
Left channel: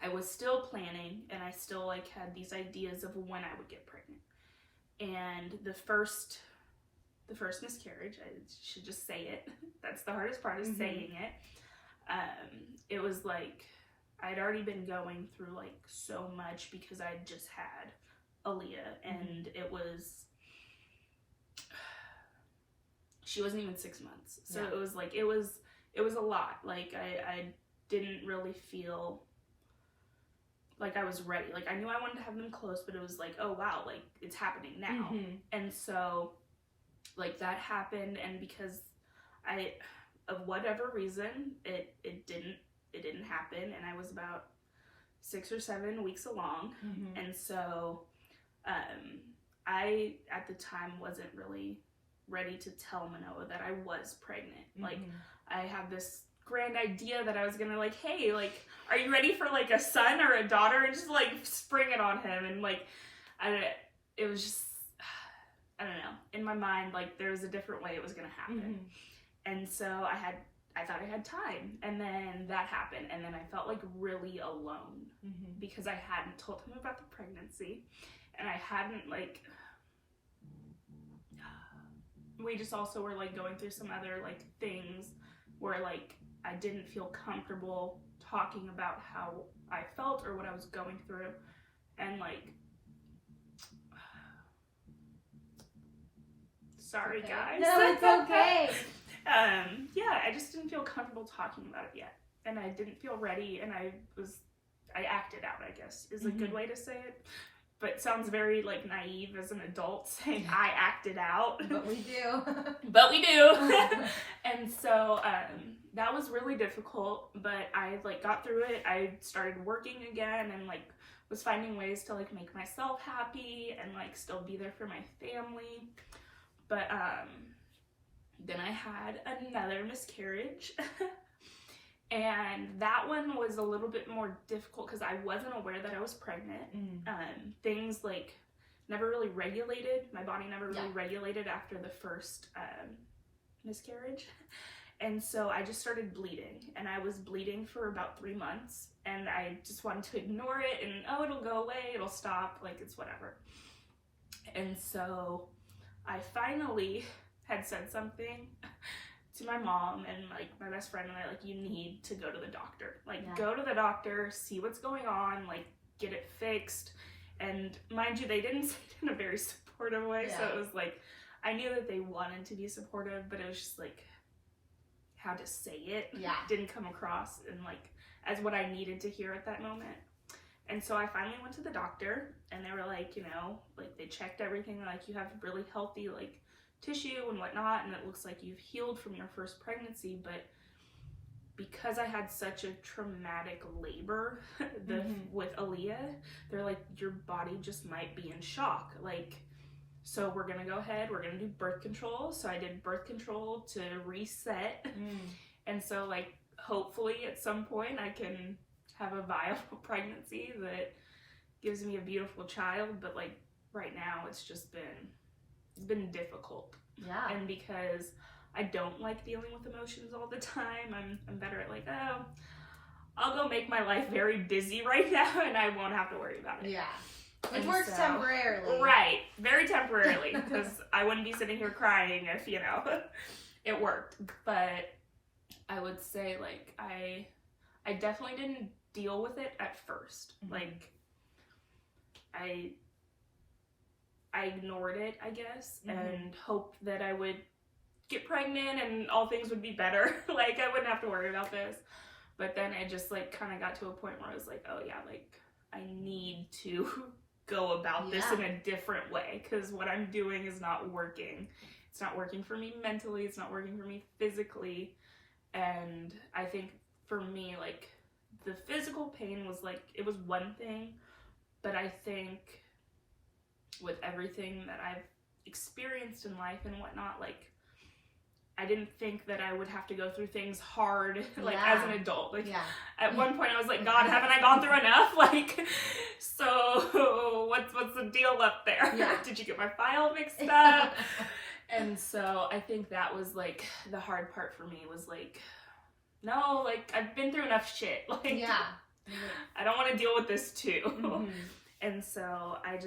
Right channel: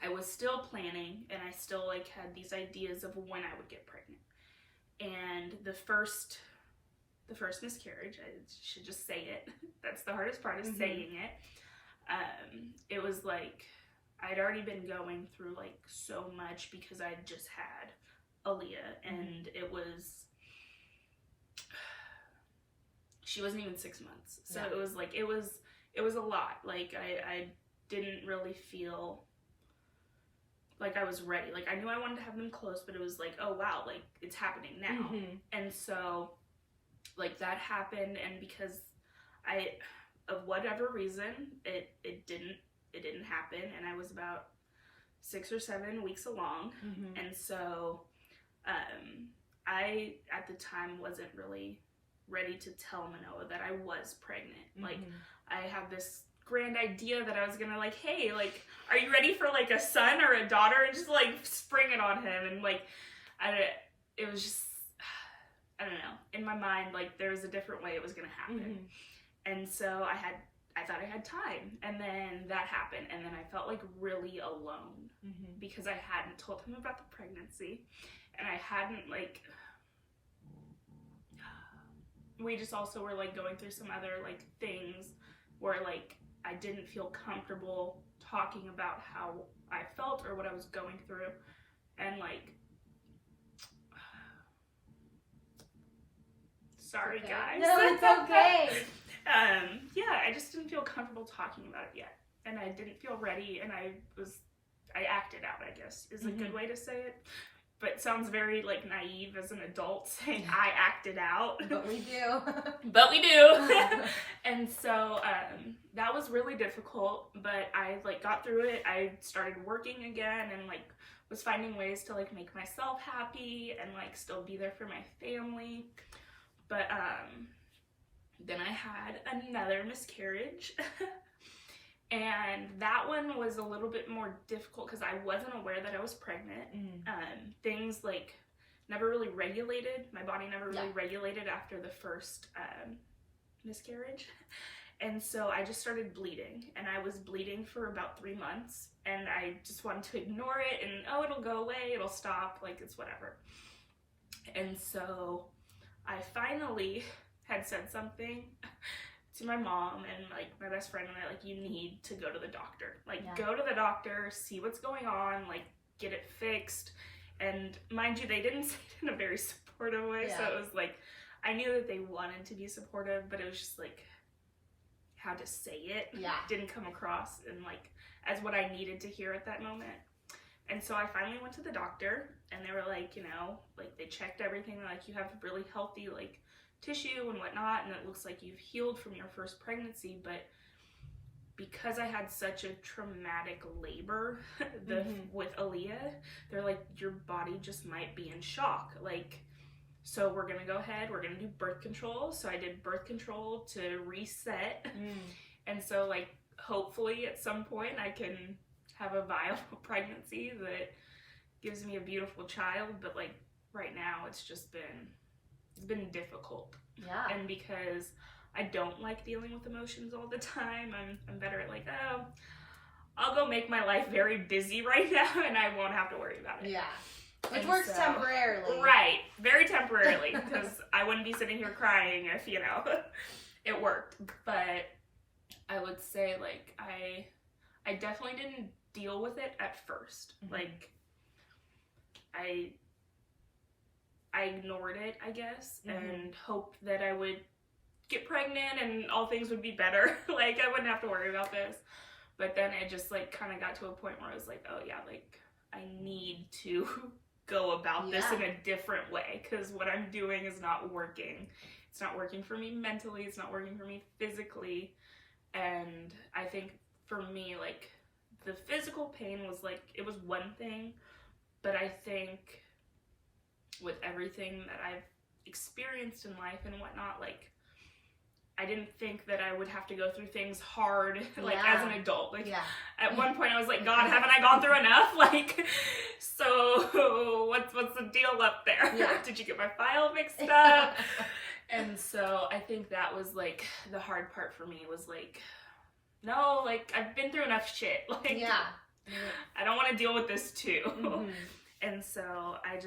I was still planning, and I still like had these ideas of when I would get pregnant. And the first miscarriage, I should just say it. That's the hardest part, is saying it. It was like, I'd already been going through like so much because I just had Aaliyah, and it was, she wasn't even 6 months. So it was like, it was a lot. Like I didn't really feel like I was ready. Like I knew I wanted to have them close, but it was like, oh wow, like it's happening now. And so like that happened, and because of whatever reason, it didn't happen, and I was about 6 or 7 weeks along. And so I at the time wasn't really ready to tell Manoa that I was pregnant. Like I had this grand idea that I was gonna like, hey, like, are you ready for like a son or a daughter, and just like spring it on him. And like it was just, I don't know, in my mind, like there was a different way it was gonna happen. And so I thought I had time, and then that happened, and then I felt like really alone because I hadn't told him about the pregnancy, and I hadn't like, we just also were like going through some other like things where like I didn't feel comfortable talking about how I felt or what I was going through. And like, sorry guys. No, it's okay. Yeah, I just didn't feel comfortable talking about it yet. And I didn't feel ready, and I acted out, I guess, is a good way to say it. But it sounds very like naive as an adult saying I acted out. But we do. But we do. And so that was really difficult, but I like got through it. I started working again, and like was finding ways to like make myself happy and like still be there for my family. But then I had another miscarriage. And that one was a little bit more difficult because I wasn't aware that I was pregnant. Things like never really regulated. My body never really regulated after the first miscarriage. And so I just started bleeding, and I was bleeding for about 3 months, and I just wanted to ignore it and, oh, it'll go away, it'll stop, like it's whatever. And so I finally had said something to my mom and like my best friend and I, like, you need to go to the doctor. Like, Yeah. go to the doctor, see what's going on, like, get it fixed. And mind you, they didn't say it in a very supportive way. Yeah. So it was like, I knew that they wanted to be supportive, but it was just like how to say it didn't come across and like as what I needed to hear at that moment. And so I finally went to the doctor and they were like, you know, like they checked everything. They're like, you have really healthy like tissue and whatnot, and it looks like you've healed from your first pregnancy. But because I had such a traumatic labor with Aaliyah, they're like, your body just might be in shock. Like, so we're gonna go ahead, we're gonna do birth control. So I did birth control to reset. And so like, hopefully at some point I can have a viable pregnancy that gives me a beautiful child. But like right now it's been difficult. Yeah. And because I don't like dealing with emotions all the time, I'm better at like, oh, I'll go make my life very busy right now and I won't have to worry about it. Yeah. It works temporarily. Right. Very temporarily, because I wouldn't be sitting here crying if, you know, it worked. But I would say, like, I definitely didn't deal with it at first. Like, I ignored it, I guess, and hoped that I would get pregnant and all things would be better. Like, I wouldn't have to worry about this. But then it just, like, kind of got to a point where I was like, oh, yeah, like, I need to go about this in a different way, because what I'm doing is not working. It's not working for me mentally. It's not working for me physically. And I think for me, like, the physical pain was, like, it was one thing. But I think with everything that I've experienced in life and whatnot, like, I didn't think that I would have to go through things hard, like, as an adult. Like, at one point I was like, God, haven't I gone through enough? Like, so what's the deal up there? Did you get my file mixed up? And so I think that was, like, the hard part for me was, like, no, like, I've been through enough shit. Like, I don't want to deal with this too. And so I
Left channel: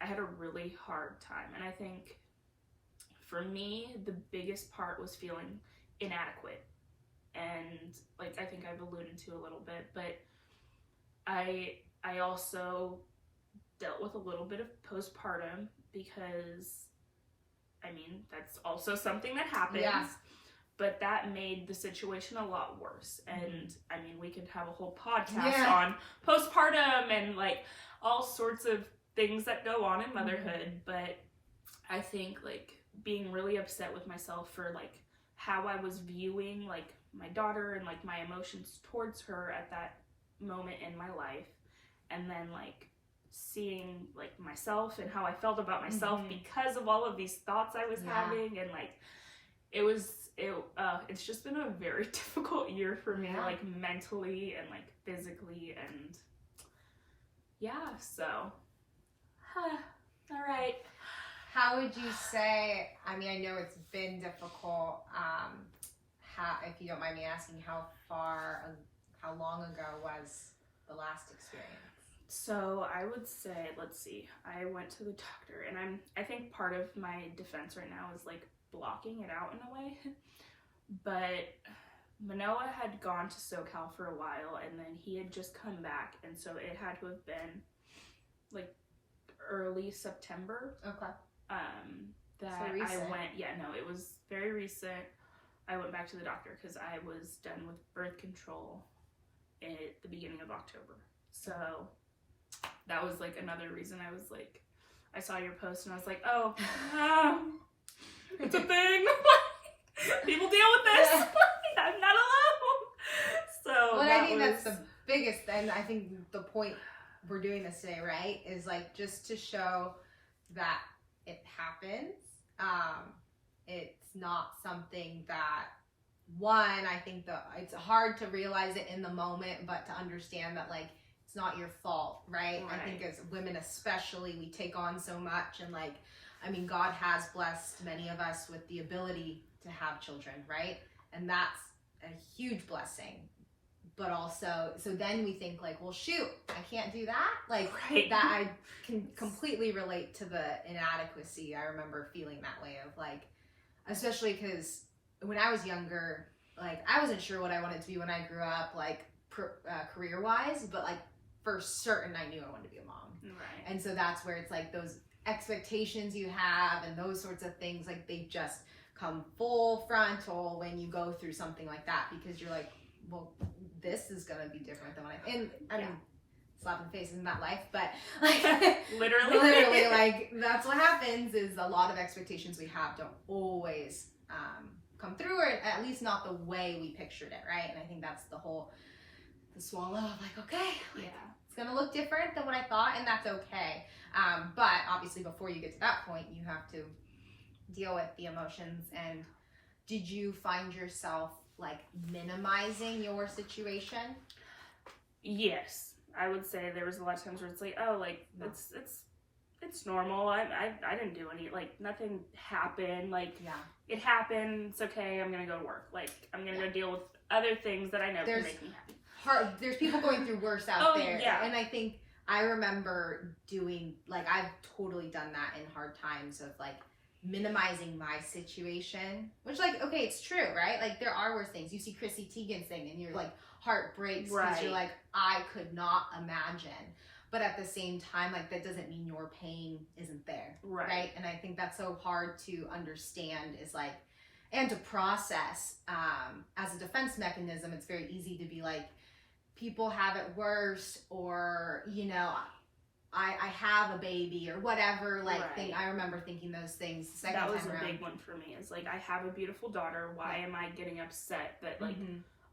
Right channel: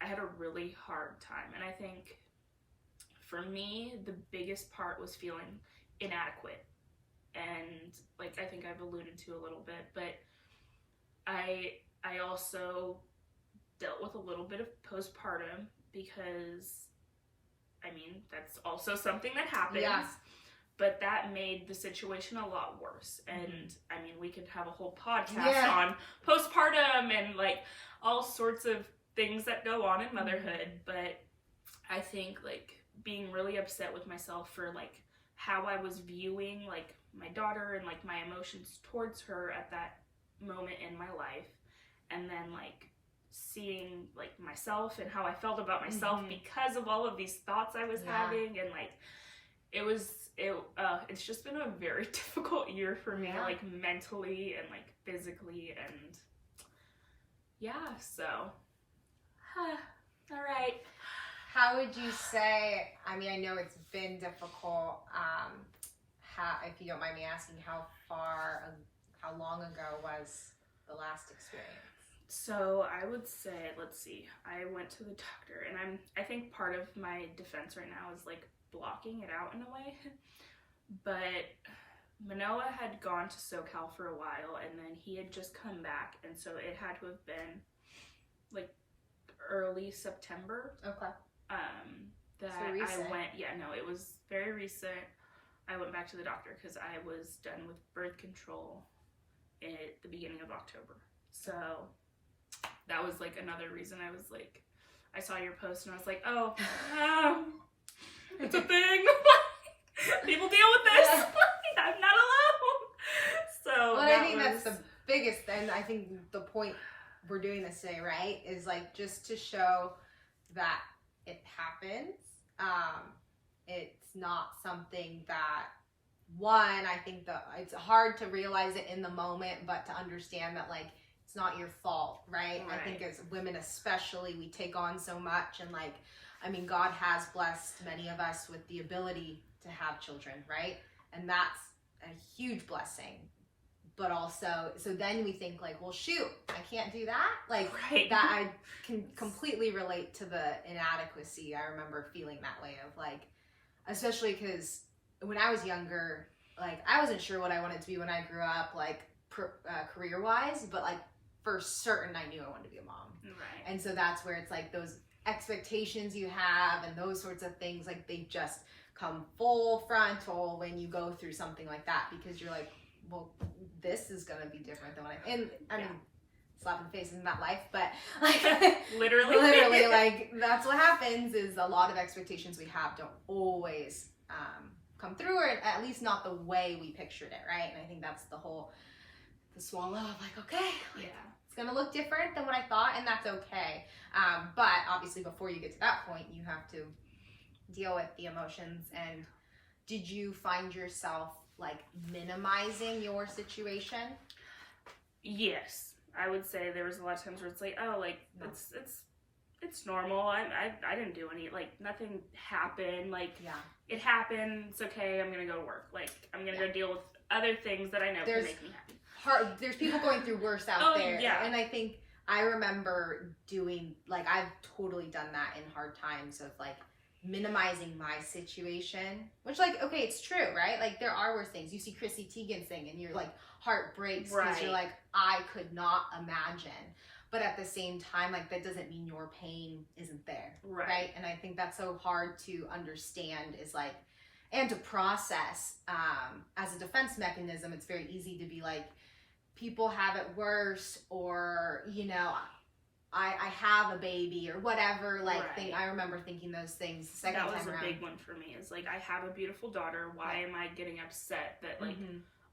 had a really hard time. And I think for me, the biggest part was feeling inadequate. And like, I think I've alluded to a little bit, but I also dealt with a little bit of postpartum because, I mean, that's also something that happens. But that made the situation a lot worse. And I mean, we could have a whole podcast on postpartum and like all sorts of things that go on in motherhood. But I think like being really upset with myself for like how I was viewing like my daughter and like my emotions towards her at that moment in my life. And then like seeing like myself and how I felt about myself because of all of these thoughts I was having. And like, it's just been a very difficult year for me, like mentally and like physically, and so all right. How would you say, I mean, I know it's been difficult, if you don't mind me asking, how long ago was the last experience? So I would say, let's see, I went to the doctor, and I think part of my defense right now is like blocking it out in a way. But Manoah had gone to SoCal for a while, and then he had just come back, and so it had to have been like early September. Okay. That so I went, it was very recent. I went back to the doctor because I was done with birth control at the beginning of October. So that was like another reason I was like, I saw your post and I was like, oh, it's a thing. People deal with this. I'm not alone. So well, I think that's the biggest, and I think the point we're doing this today, right, is like just to show that it happens. It's not something that, one, I think that it's hard to realize it in the moment, but to understand that like it's not your fault, right? I think as women especially, we take on so much, and like, I mean, God has blessed many of us with the ability to have children, right? And that's a huge blessing. But also, so then we think like, well, shoot, I can't do that. Like that, I can completely relate to the inadequacy. I remember feeling that way of like, especially because when I was younger, like, I wasn't sure what I wanted to be when I grew up, like, career-wise, but, like, for certain, I knew I wanted to be a mom. Right. And so that's where it's like those expectations you have and those sorts of things, like, they just come full frontal when you go through something like that, because you're like, well, this is gonna be different than what I mean, slapping face isn't that life, but like literally like that's what happens, is a lot of expectations we have don't always come through, or at least not the way we pictured it, right? And I think that's the swallow of like, okay, like, it's gonna look different than what I thought, and that's okay. But obviously before you get to that point, you have to deal with the emotions. And did you find yourself like minimizing your situation? Yes, I would say there was a lot of times where it's like, oh, like it's normal. I didn't do any, like, nothing happened. Like, it happened. It's okay. I'm gonna go to work. Like, I'm gonna go deal with other things that I know can make me happy. There's people going through worse out there. Yeah. And I think I remember doing, like, I've totally done that in hard times of like minimizing my situation, which, like, okay, it's true, right? Like, there are worse things. You see Chrissy Teigen sing and your like heart breaks because you're like, I could not imagine. But at the same time, like, that doesn't mean your pain isn't there, right? And I think that's so hard to understand, is like, and to process. As a defense mechanism, it's very easy to be like, people have it worse, or, you know, I have a baby or whatever, like, thing. I remember thinking those things the second time around. That was a big one for me, is like, I have a beautiful daughter. Why am I getting upset that, like,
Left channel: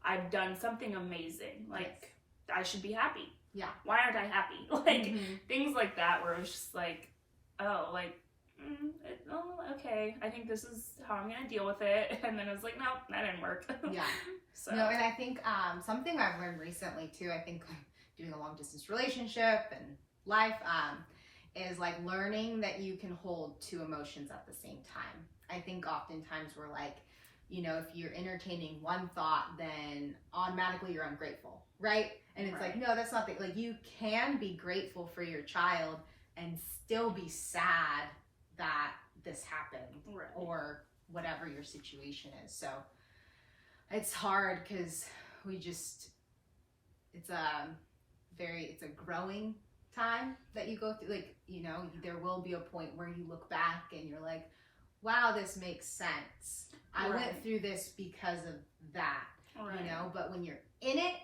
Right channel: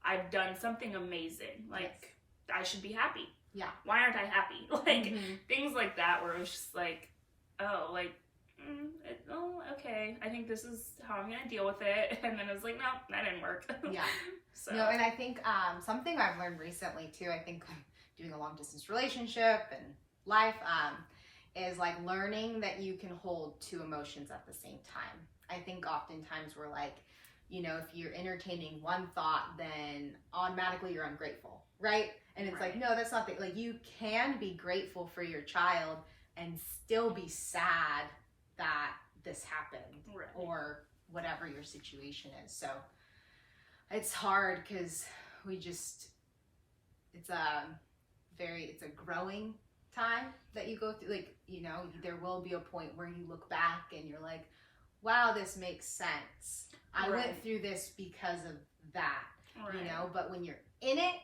I've done something amazing? Like, I should be happy. Yeah. Why aren't I happy? Like, things like that, where it was just like, oh, like, okay, I think this is how I'm gonna deal with it. And then it was like, no, that didn't work. So. No, and I think something I've learned recently too, I think doing a long distance relationship and life, is like learning that you can hold two emotions at the same time. I think oftentimes we're like, you know, if you're entertaining one thought, then automatically you're ungrateful, right? And it's like, no, that's not the, like, you can be grateful for your child and still be sad that this happened, or whatever your situation is. So it's hard, because it's a growing time that you go through. Like, you know, there will be a point where you look back and you're like, wow, this makes sense. I went through this because of that, you know. But when you're in it,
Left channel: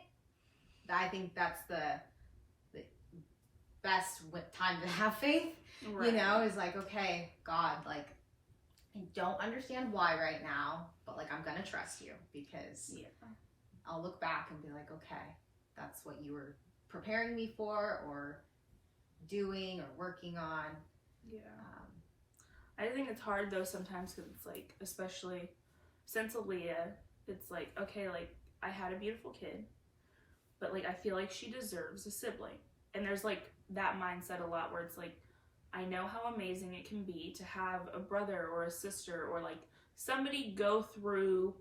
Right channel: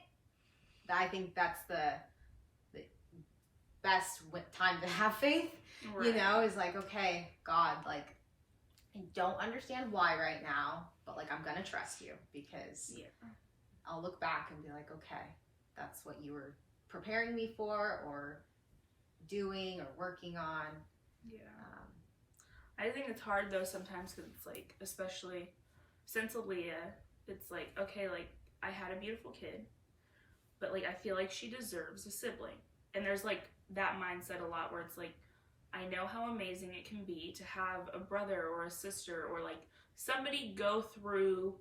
I think that's the best time to have faith, you know, is like, okay, God, like, I don't understand why right now, but like, I'm gonna trust you, because I'll look back and be like, okay, that's what you were preparing me for, or doing, or working on. I think it's hard though sometimes, because it's like, especially since Aaliyah, it's like, okay, like, I had a beautiful kid, but like, I feel like she deserves a sibling. And there's like that mindset a lot, where it's like, I know how amazing it can be to have a brother or a sister, or like somebody go through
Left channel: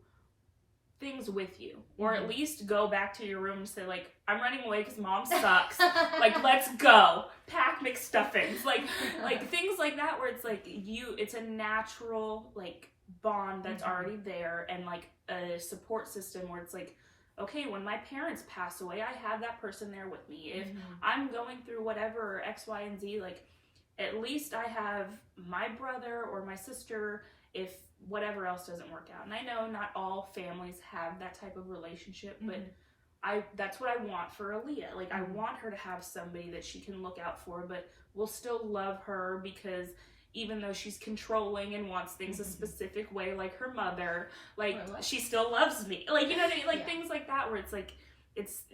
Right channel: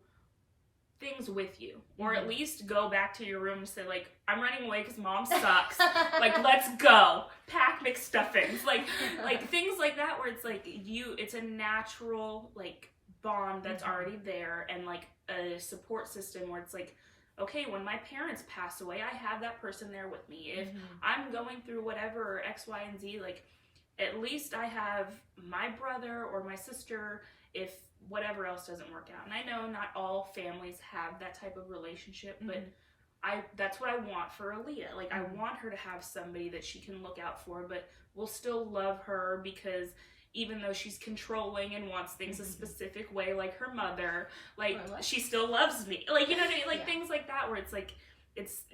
things with you, or at least go back to your room and say, like, I'm running away because mom sucks. Like, let's go. Pack McStuffins. Like things like that, where it's like, it's a natural, like, bond that's already there, and like a support system where it's like, okay, when my parents pass away, I have that person there with me. If I'm going through whatever, X, Y, and Z, like, at least I have my brother or my sister if whatever else doesn't work out. And I know not all families have that type of relationship, but that's what I want for Aaliyah. Like, I want her to have somebody that she can look out for, but will still love her, because even though she's controlling and wants things a specific way, like her mother, like, she still loves me. Like, you know what I mean? Like, things like that, where it's like,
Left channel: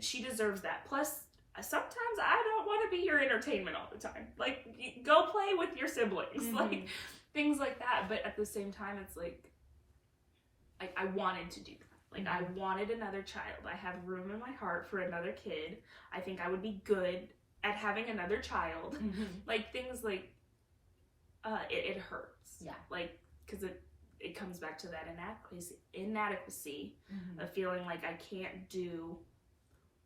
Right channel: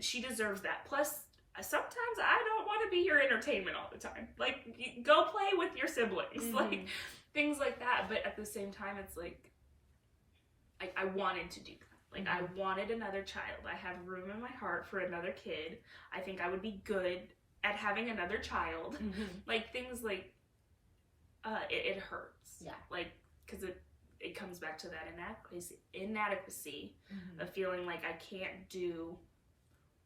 she deserves that. Plus, sometimes I don't want to be your entertainment all the time. Like, go play with your siblings. Like, things like that. But at the same time, it's like I wanted to do that. Like, I wanted another child. I have room in my heart for another kid. I think I would be good at having another child. Like, things like, it hurts. Like, because it comes back to that inadequacy of feeling like I can't do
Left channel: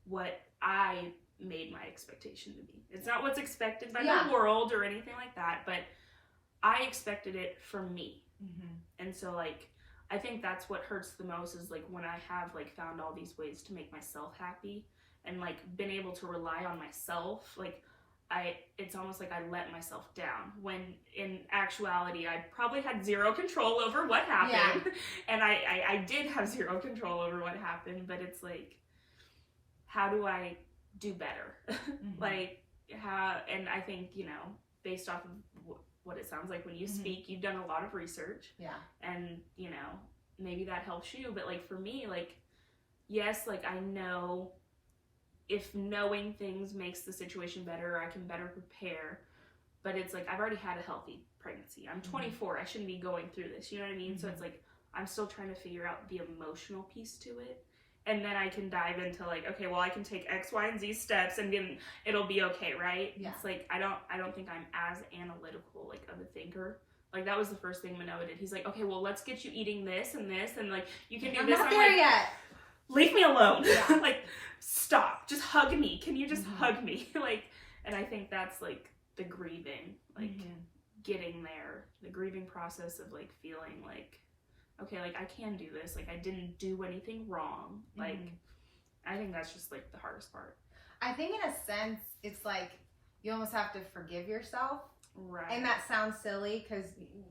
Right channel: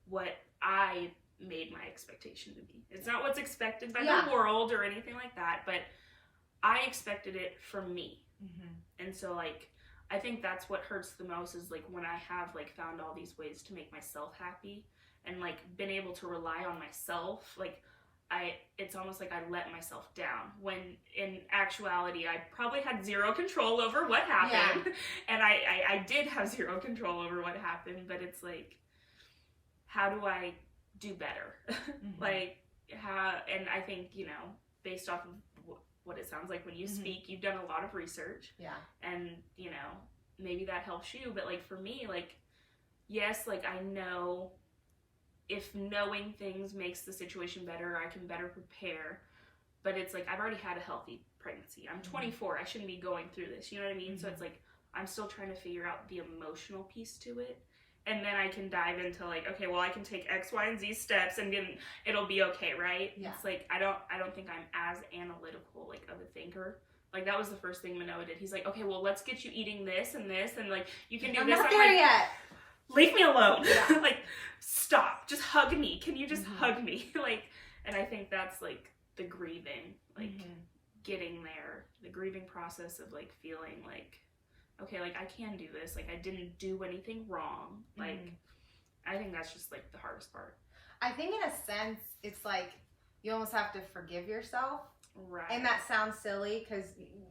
what I made my expectation to be. It's not what's expected by the world or anything like that, but I expected it from me. And so, like, I think that's what hurts the most is like when I have like found all these ways to make myself happy and like been able to rely on myself, like it's almost like I let myself down when in actuality I probably had zero control over what happened. Yeah. And I did have zero control over what happened, but it's like, how do I do better? Mm-hmm. Like how, and I think, you know, based off of what it sounds like when you speak, you've done a lot of research. Yeah. And, you know, maybe that helps you, but like for me, like, yes, like I know if knowing things makes the situation better, I can better prepare. But it's like, I've already had a healthy pregnancy. I'm 24. I shouldn't be going through this. You know what I mean? Mm-hmm. So it's like, I'm still trying to figure out the emotional piece to it. And then I can dive into like, okay, well, I can take X, Y, and Z steps and then it'll be okay, right? Yeah. It's like, I don't think I'm as analytical, like, of a thinker. Like, that was the first thing Manoa did. He's like, okay, well, let's get you eating this, and like, you can do this. I'm not there yet. Leave me alone. Yeah. Like, stop. Just hug me. Can you just hug me? Like, and I think that's like the grieving, like getting there, the grieving process of like feeling like, okay, like I can do this. Like I didn't do anything wrong. Like, I think that's just like the hardest part. I think in a sense, it's like you almost have to forgive yourself. Right. And that sounds silly because,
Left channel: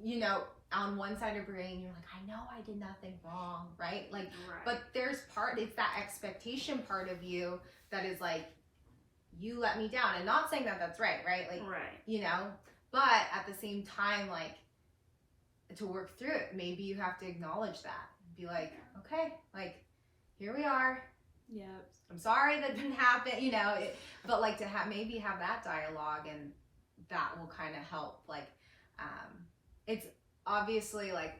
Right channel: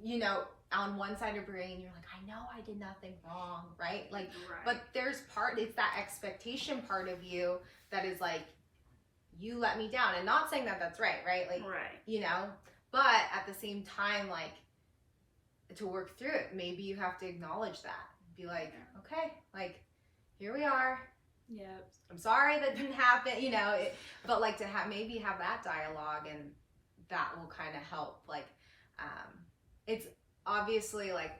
you know, on one side of your brain, you're like, I know I did nothing wrong, right? Like, right. But there's it's that expectation part of you that is like, you let me down. And not saying that that's right? Like, right. You know, but at the same time, like, to work through it, maybe you have to acknowledge that. Be like, okay, like, here we are. Yeah. I'm sorry that didn't happen, you know, but like to maybe have that dialogue, and that will kind of help. Like, it's obviously like,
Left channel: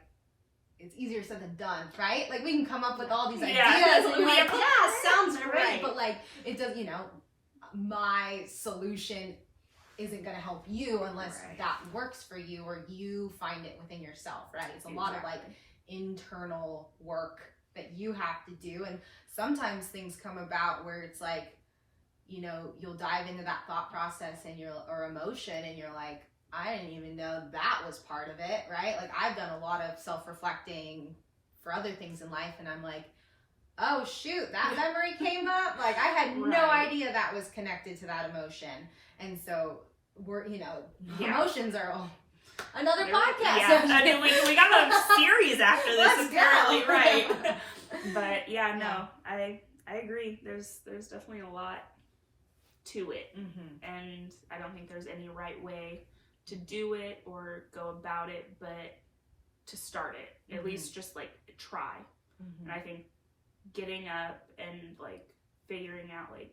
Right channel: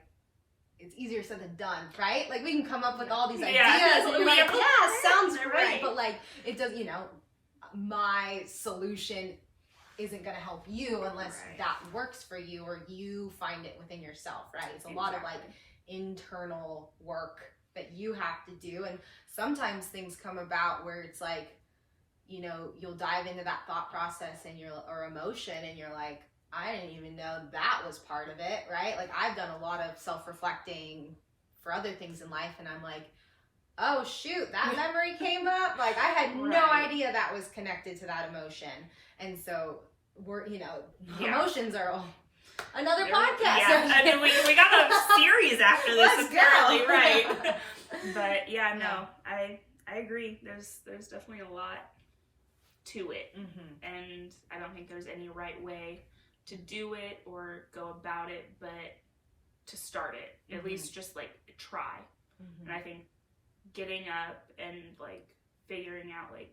it's easier said than done, right? Like we can come up with all these ideas and you're like, yeah, sounds great. Right. But like, it does, you know, my solution isn't going to help you unless that works for you or you find it within yourself, right? It's a lot of like internal work that you have to do. And sometimes things come about where it's like, you know, you'll dive into that thought process and or emotion, and you're like, I didn't even know that was part of it, right? Like I've done a lot of self-reflecting for other things in life, and I'm like, oh shoot, that memory came up. Like I had no idea that was connected to that emotion. And so we're, you know, emotions are another podcast. Yeah, we got a series after this. Let's apparently, right? But yeah, no, I agree. There's definitely a lot to it, and I don't think there's any right way to do it or go about it, but to start it, at least just like try. And I think getting up and like figuring out, like,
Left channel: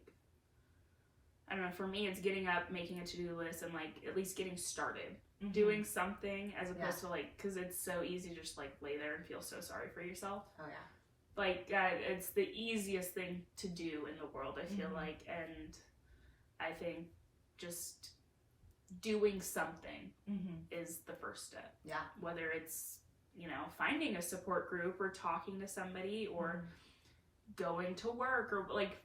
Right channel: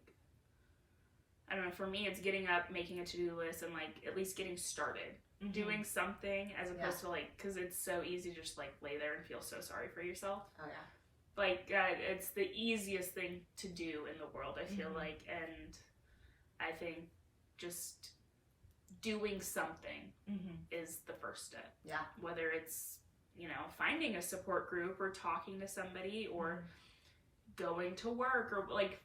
I don't know, for me it's getting up, making a to-do list, and like at least getting started doing something, as opposed to like, because it's so easy to just like lay there and feel so sorry for yourself. Oh yeah. Like it's the easiest thing to do in the world, I feel like, and I think just doing something is the first step. Yeah. Whether it's, you know, finding a support group or talking to somebody or going to work, or like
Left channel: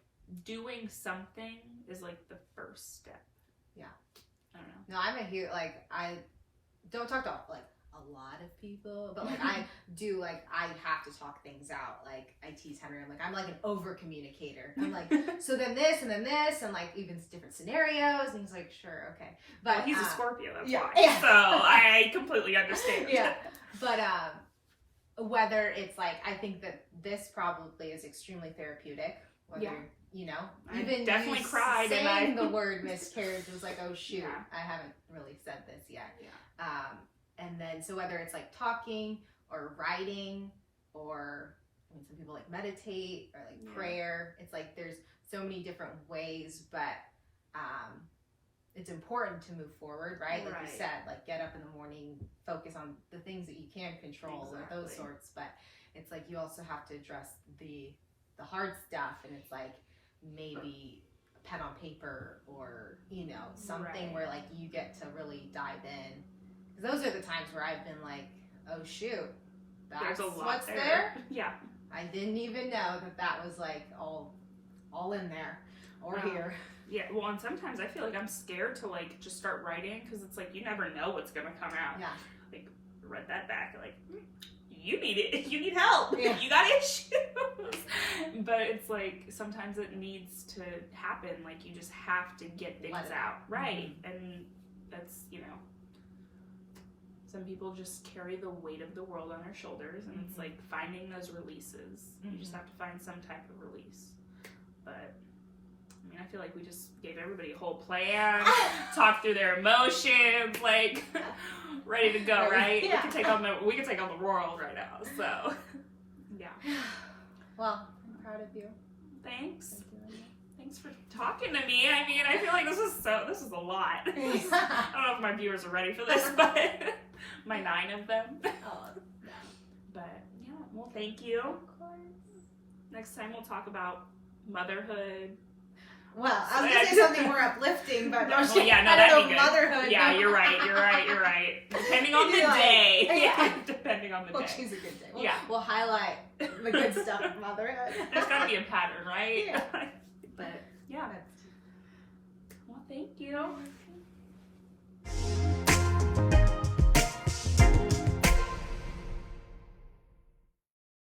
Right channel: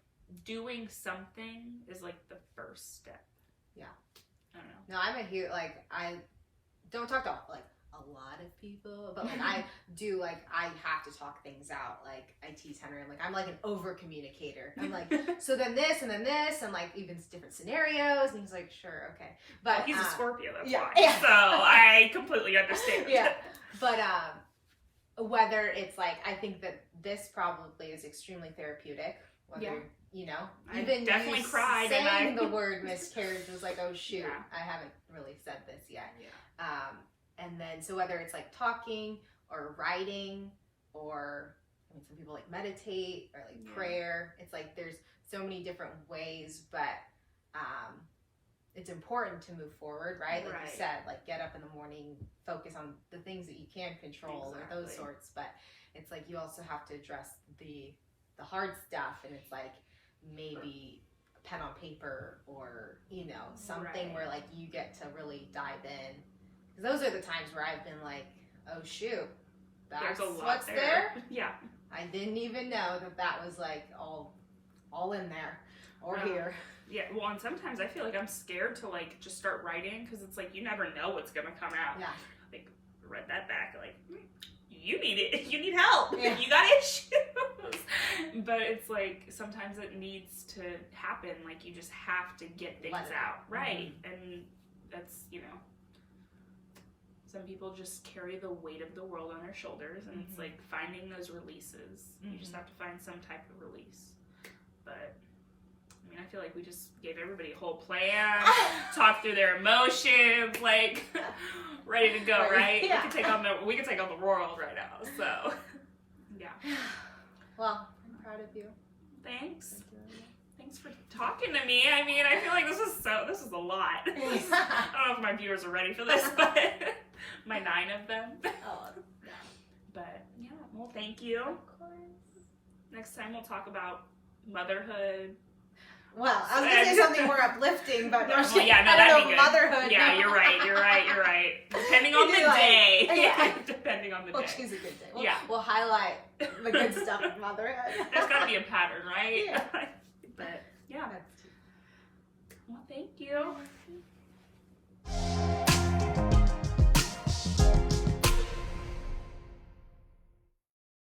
doing something is like the first step. Yeah. I don't know. No, I'm a huge, like, I don't talk to like a lot of people, but like I do, like, I have to talk things out. Like I tease Henry, I'm like an over communicator. I'm like, so then this and then this, and like even different scenarios, and he's like, sure, okay. But well, he's a Scorpio, that's why. Yeah. So I completely understand. Yeah. But whether it's like, I think that this probably is extremely therapeutic. Whether, you know, even I definitely cried, saying and the word miscarriage was like, oh shoot, I haven't really said this yet. Yeah. And then, so whether it's like talking or writing, or I mean, some people like meditate or like prayer. It's like there's so many different ways, but it's important to move forward, right? Like you said, like get up in the morning, focus on the things that you can control, or those sorts. But it's like you also have to address the hard stuff, and it's like maybe a pen on paper, or, you know, something where like you get to really dive in. Because those are the times where I've been like, oh shoot, that's what's there. Yeah. I didn't even know that was like all in there or here. Yeah, well, and sometimes I feel like I'm scared to like just start writing, because it's like you never know what's gonna come out. Yeah. Like read that back, like you need it. You need help. Yeah. You got issues. But it's like sometimes it needs to happen. Like you just have to get things out. Right. And that's, you know, some people just carry the weight of the world on their shoulders, and it's like finding those releases. You just have to find some type of release. But I mean, I feel like we just gave everybody a whole plan, talk through their emotions, like ready to go, right? Yeah. We can take on the world right now. So, yeah. Well, I'm proud of you. Thanks. Thank you. Thanks for talking to me. I mean, I feel like this is a lot. I don't know if my viewers are ready for this, but my 9 of them. Oh, yeah. But yeah, well, thank you. Of course. Next time we'll talk about motherhood. Well, I was going to say something more uplifting, but Well, yeah, no, that'd be good. Motherhood. Yeah, no. you're right. Depending on the day. Yeah. Depending on the We'll day. choose a good day. Yeah. We'll highlight the good stuff of motherhood. There's got to be a pattern, right? Yeah.